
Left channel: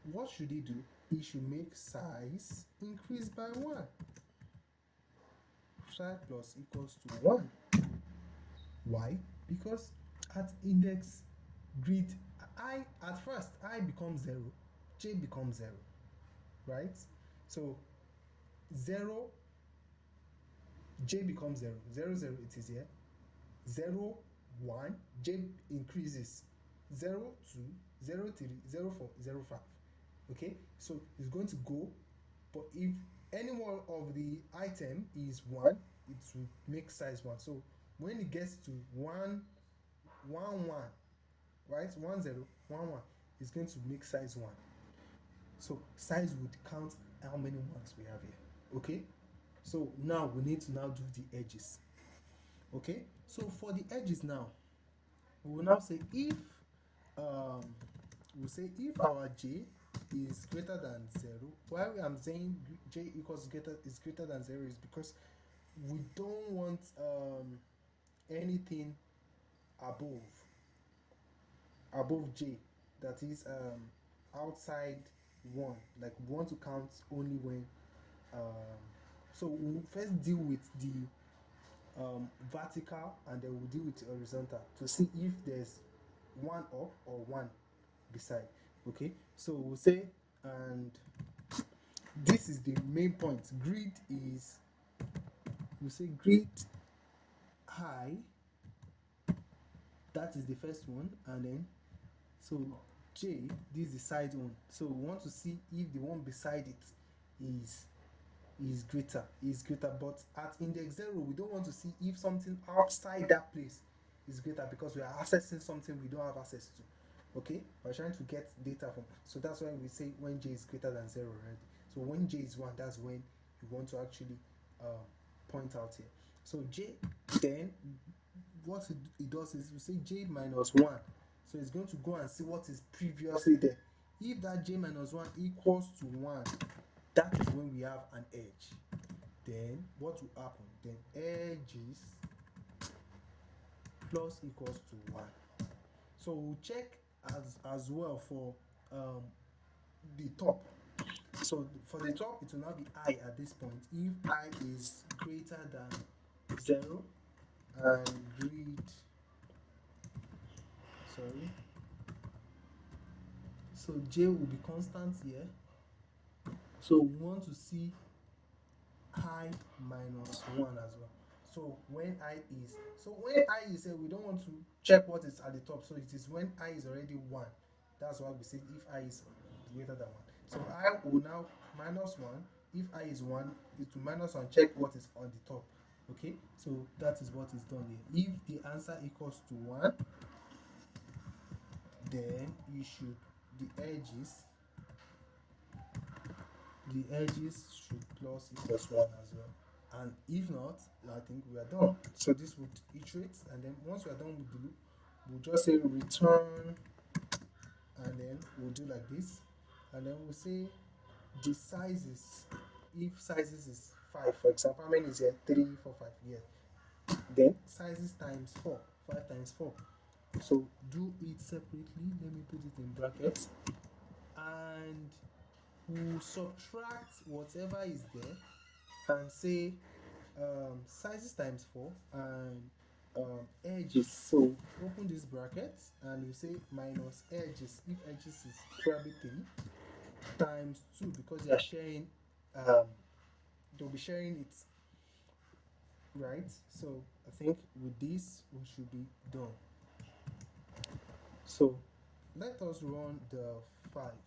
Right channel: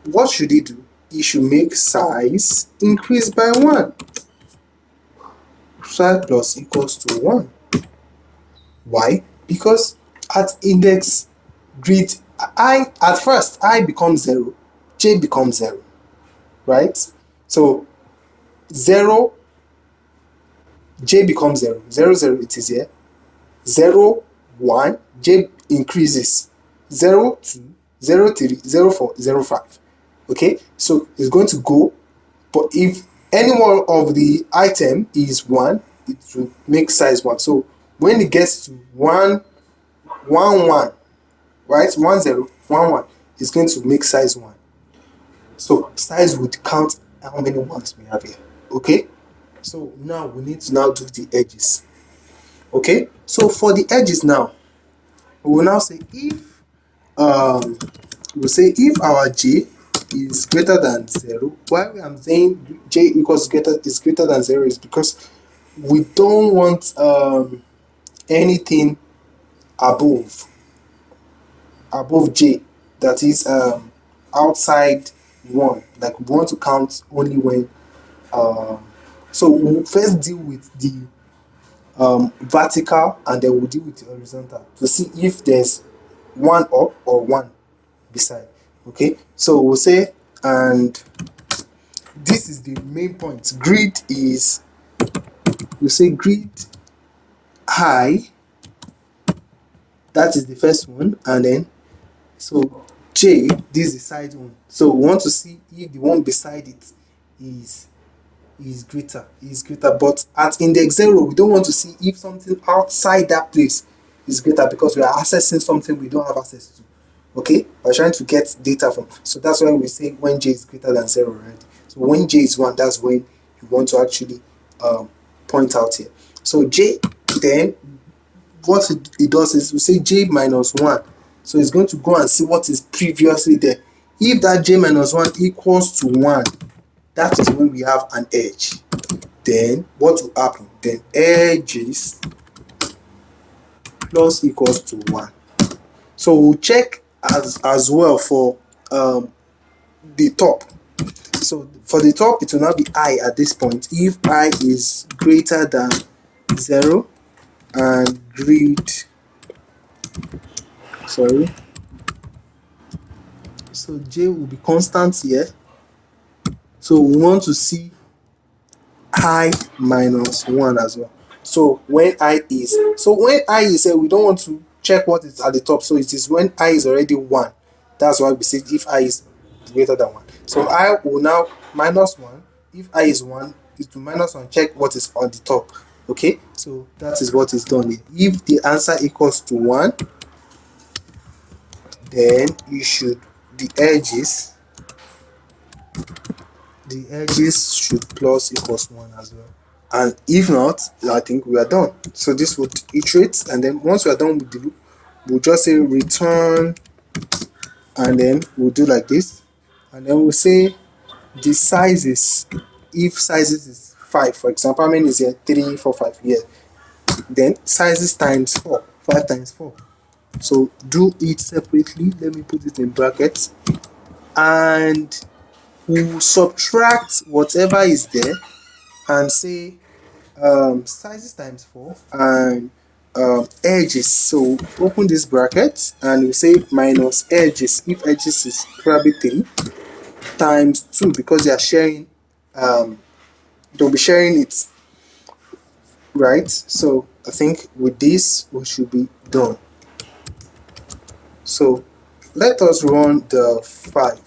What should he do? He should make size increase by 1. Size plus equals to 1. Why? Because at index grid I, at first I becomes 0, j becomes 0, right? So 0, j becomes 0, 0, 0, it is here. 0, 1, j increases. 0, 2, 0, 3, 0, 4, 0, 5. Okay, so it's going to go, but if any one of the item is 1, it will make size 1. So when it gets to 1, 1, 1, right? 1, 0, 1, 1, it's going to make size 1. So size would count how many ones we have here. Okay, so now we need to now do the edges. Okay, so for the edges now, we will now say if if our j is greater than 0. Why I'm saying j is greater than 0 is because we don't want anything above j, that is outside 1. Like we want to count only when so we'll first deal with the vertical, and then we'll deal with the horizontal to see if there's 1 up or 1 beside. Okay, so we'll say, and this is the main point. Grid is, we'll say grid high, that is the first one, and then so j, this is the side one. So we want to see if the one beside it is greater, but at index 0 we don't want to see if something outside that place is greater, because we are accessing something we don't have access to. Okay, we're trying to get data from, so that's why we say when j is greater than 0, right? So when j is 1, that's when you want to actually point out here. So j, then what it does is we say j minus 1, so it's going to go and see what is previously there. If that j minus 1 equals to 1, that is when we have an edge. Then what will happen? Then edges plus equals to 1. So we'll check as well for the top. So for the top, it will now be I at this point. If I is greater than 0 and grid, sorry, so J will be constant here. So we want to see I minus 1 as well. So when I is here, we don't want to check what is at the top. So it is when I is already 1. That's why we say if I is greater than 1. So I will now minus 1. If I is 1, it will minus 1. Check what is on the top. Okay, so that is what is done here. If the answer equals to 1, then you should the edges should plus equals 1 as well. And if not, I think we are done. So this would iterate, and then once we are done with the loop, we'll just say return, and then we'll do like this, and then we'll say the sizes. If sizes is 5, for example, how many is here? 3, 4, 5. Yeah. Then sizes times 4, 5 times 4. So do it separately. Let me put it in brackets, and we'll subtract whatever is there and say sizes times 4 and edges. So open this bracket and we say minus edges. If edges is probably 3 times 2, because they are sharing, they'll be sharing it, right? So I think with this we should be done. So let us run the 5.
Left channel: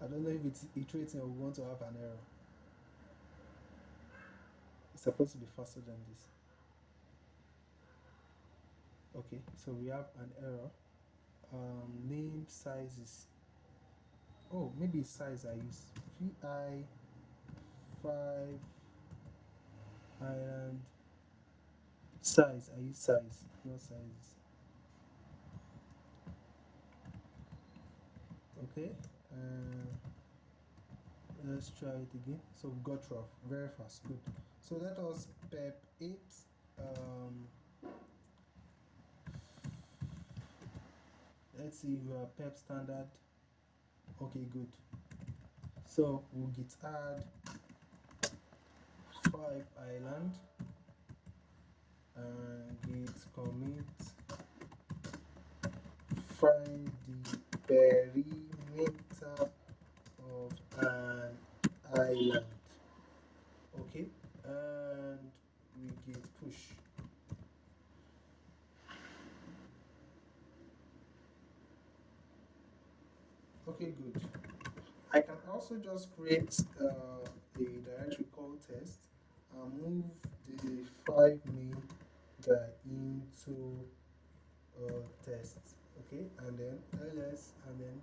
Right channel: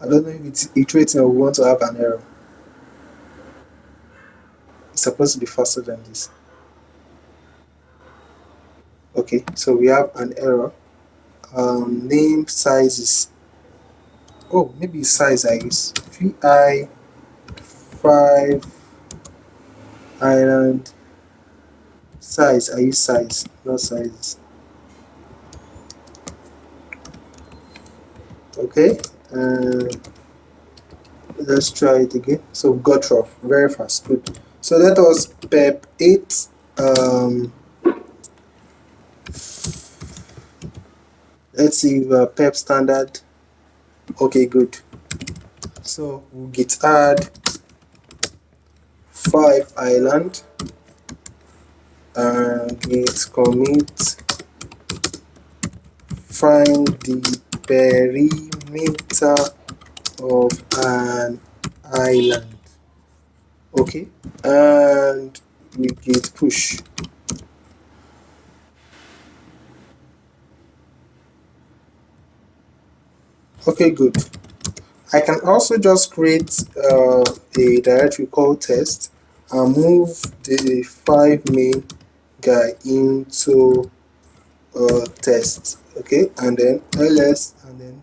I don't know if it's iterating or we want to have an error. It's supposed to be faster than this. Okay, so we have an error. Name sizes. Oh, maybe size I use. VI 5 island size. I use size, not sizes. Okay, let's try it again. So we got rough very fast. Good. So that was PEP 8. Let's see PEP standard. Okay, good. So we'll git add 5 island and git commit find the perimeter of an island. Okay, and we git push. Okay, good. I can also just create a directory called test and move the 5 main guy into test. Okay, and then ls, and then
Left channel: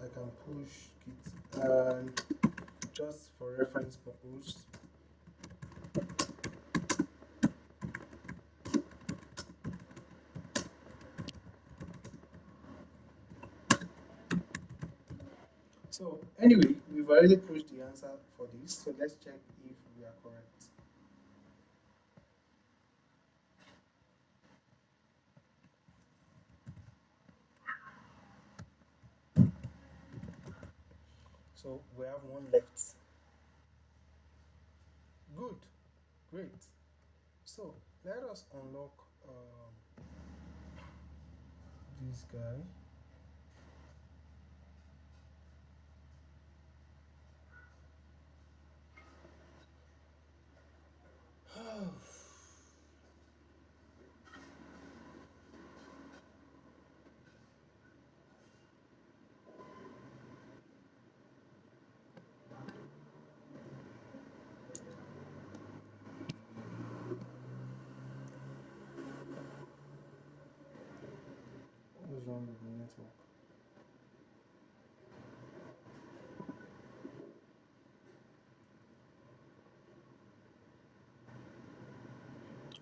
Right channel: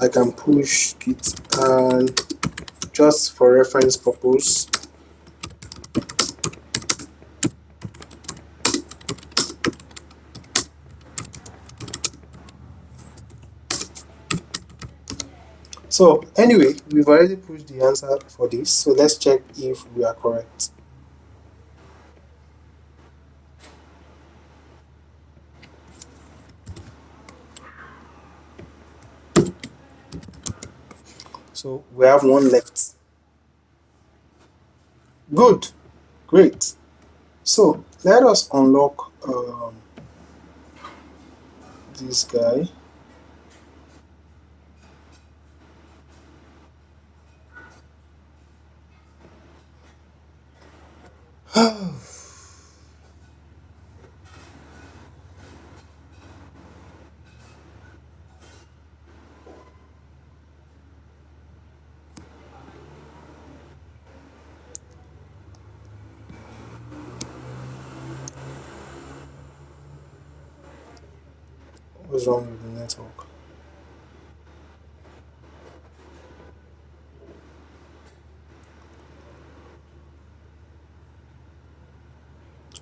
I can push git, and just for reference purpose, so anyway, we've already pushed the answer for this, so let's check if we are correct. So we have one left. Good, great. So let us unlock this guy. What's wrong with the network?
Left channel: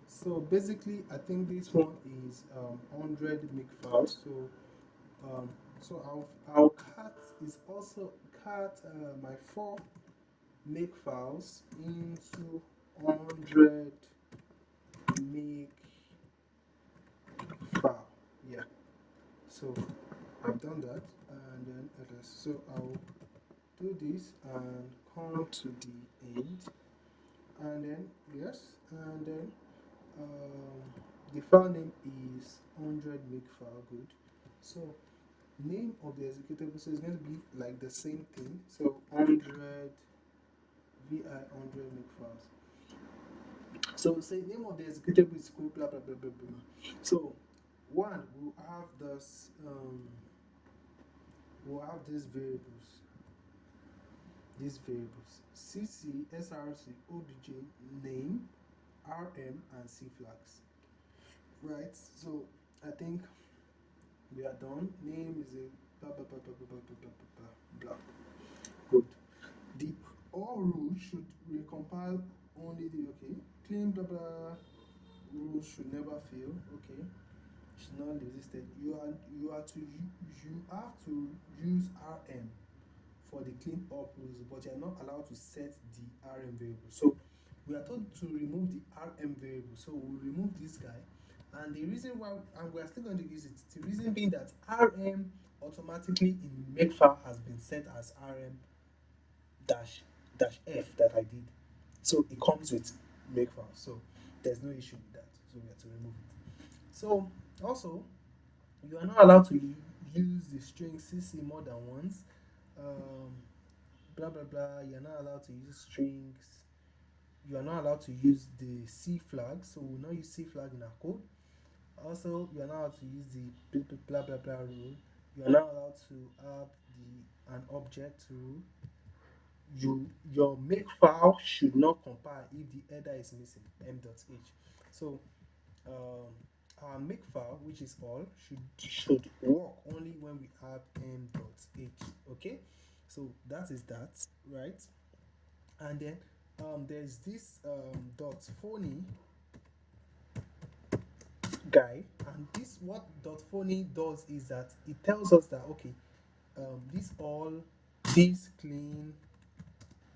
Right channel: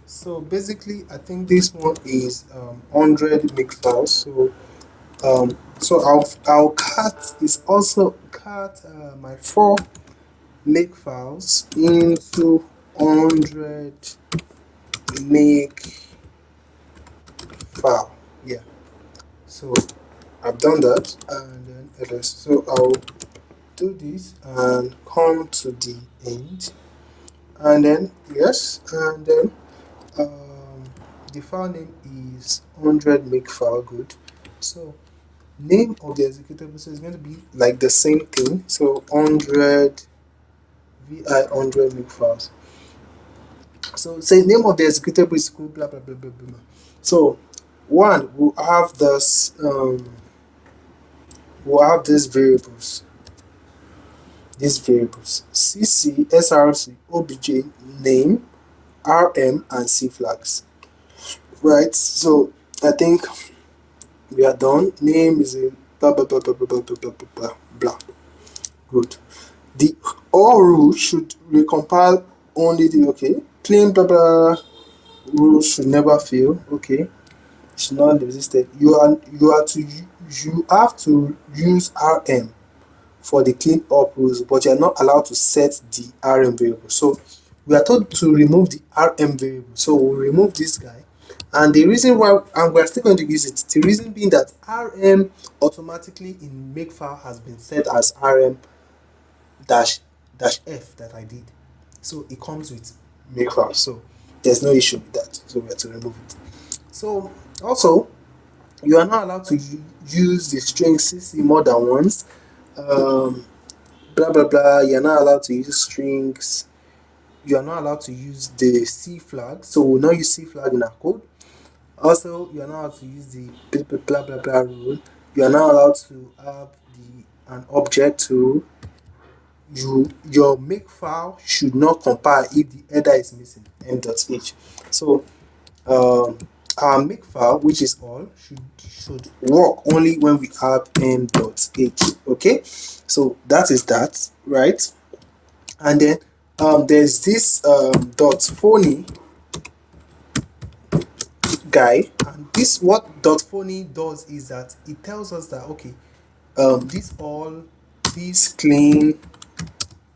So basically, I think this one is 100 Makefiles. So So I'll cut is also cut my 4 Makefiles into 100 make file. Yeah. So I've done that, and then ls. So I'll do this and come to the end, and then yes, and then the file name is 100 makefile. Good. So name of the executable, so it's going to be like the same thing. So 100 vi 100 makefiles. So say name of the executable is equal blah blah blah blah blah. So one will have this these variables cc src obj name rm and c flags, right? So I think we are done. Name is a blah blah blah blah blah blah blah blah blah blah. Good. The all rules should recompile only the okay. Clean blah blah rules should never fail. Okay. Should not existed. You have to use rm for the clean up rules, but you are not allowed to set the rm variable. So we are told to remove the rm variable. So we'll remove this guy. And the reason why, and we're still going to use it, the reason being that rm automatically in makefile has been set as rm dash f that I did. So it comes with makefile. So there's no issue with that. So we have to remove it. So also, you are not allowed to use the string cc more than once. Blah blah blah. You're not allowed to use strings. You are not allowed to use the C flag. So we'll not use C flag in our code. Also, you are not allowed to use the blah blah blah rule. You are not allowed to have an object rule. Your makefile should not compile if the header is missing m.h. So our makefile, which is all, should work only when we have m.h. Okay, so that is that, right? And then there's this dot phony guy, and this what dot phony does is that it tells us that okay, this all, this clean,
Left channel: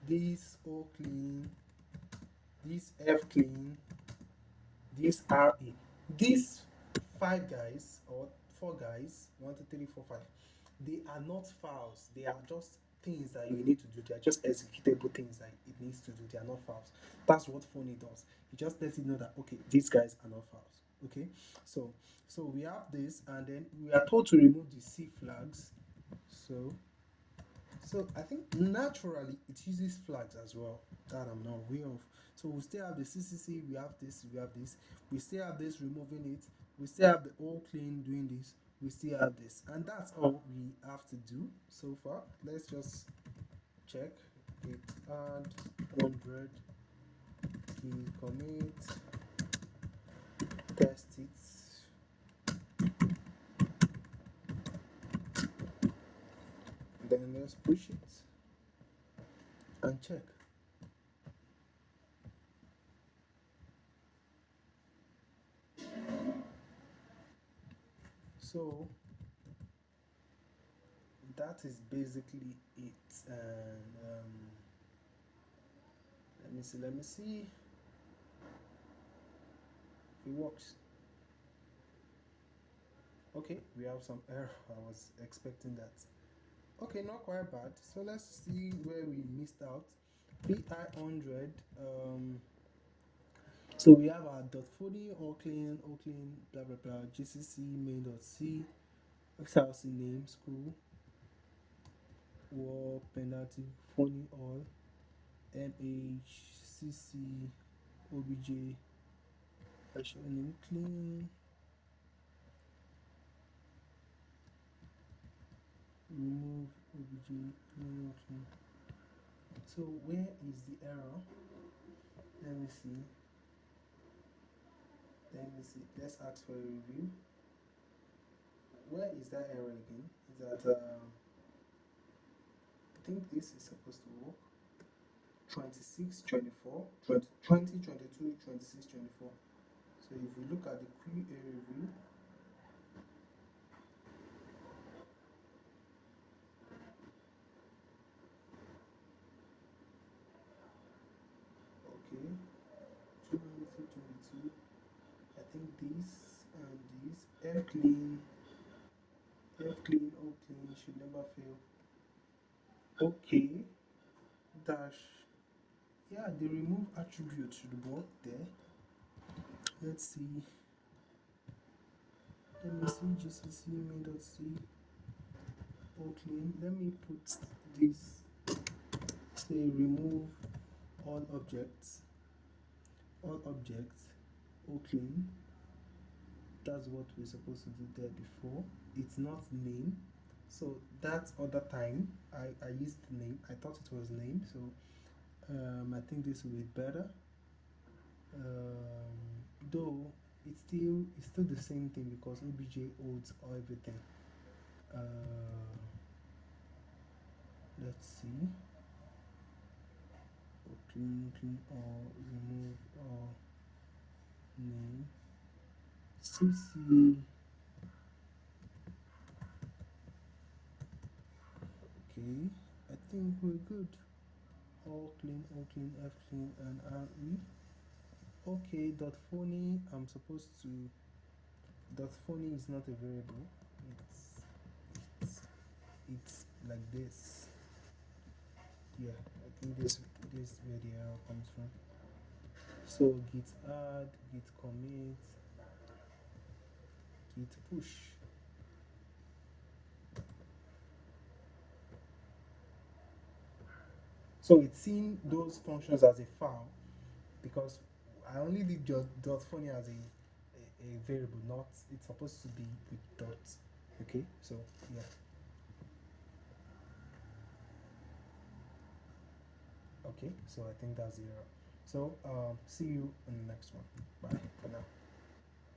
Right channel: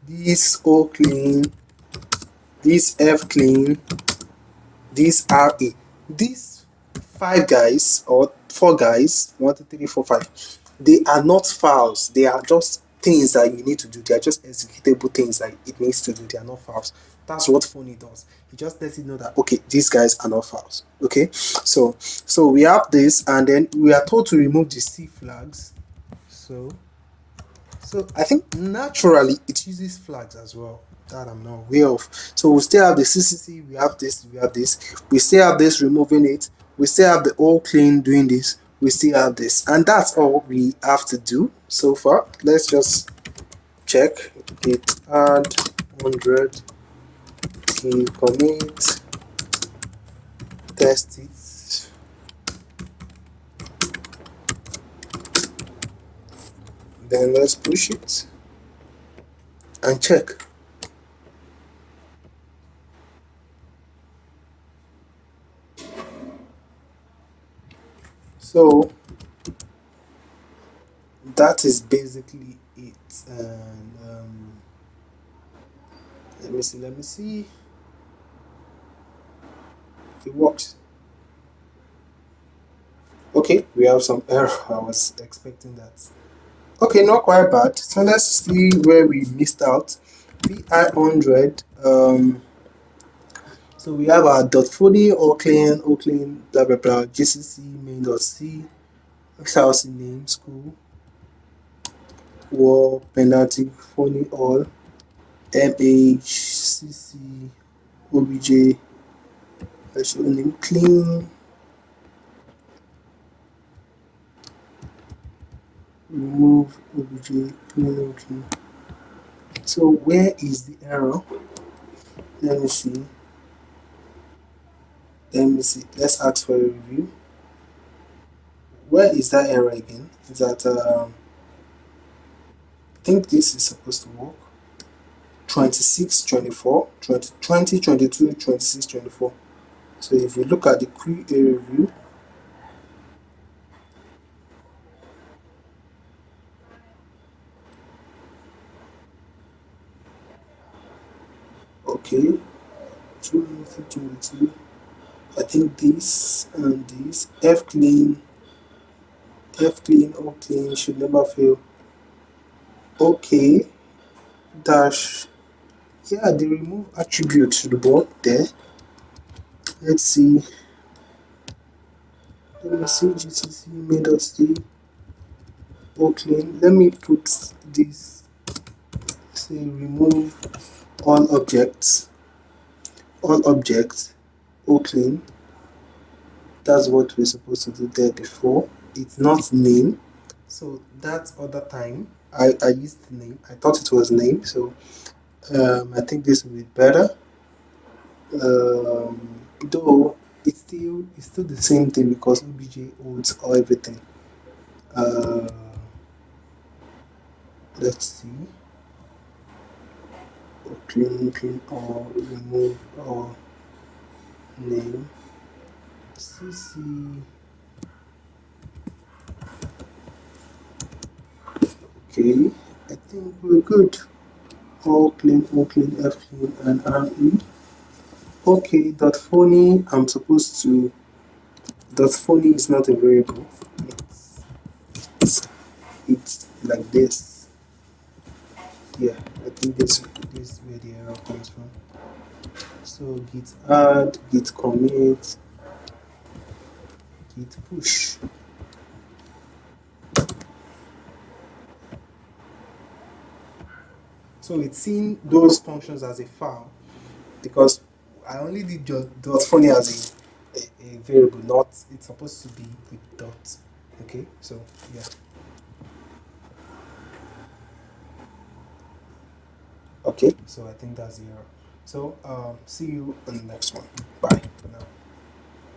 this o clean, this f clean, this ra, these 5 guys or 4 guys, 1 2 3 4 5, they are not files. They are just things that you need to do. They are just executable things that it needs to do. They are not files. That's what phony does. It just lets you know that okay, these guys are not files. Okay, so we have this, and then we are told to remove the c flags. So I think naturally it uses flags as well that I'm not aware of. So we still have the CCC, we have this, we still have this removing it, we still have the all clean doing this, we still have this, and that's all we have to do so far. Let's just check git add 100 commit test it. Then let's push it and check. So that is basically it. And let me see if it works. Okay, we have some error. I was expecting that. Okay, not quite bad. So let's see where we missed out. vi100. So we have our .40 clean, blah blah blah, gcc main.c, xrc name, school, war, penalty, phony all, mh, cc, obj, show name clean, remove obj, clean. So where is the error? Let me see. Let's ask for a review. Where is that error again? Is that I think this is supposed to work. 26 24 20 22 26 24. So if you look at the query review, Okay, 22. I think this and this. O clean should never fail. Okay, dash. Yeah, they remove attribute to the board there. Let's see. Let me see GCC main.d O clean. Let me put this. Say remove all objects. All objects. O clean. That's what we're supposed to do there before. It's not name. So that other time I used name. I thought it was name. So I think this will be better. Though it's still the same thing because obj holds all everything. Uh, let's see. Clean or remove or name. CC. Okay, I think we're good. All clean, F clean, and RE. Okay, dot phony. I'm supposed to. Dot phony is not a variable. It's like this. Yeah, I think this is where the error comes from. So git add, git commit, git push. So it's seeing those functions as a file because I only did just dot funny as a variable, not it's supposed to be with dot. Okay, so yeah. Okay, so I think that's the error. So see you on the next one. Bye for now.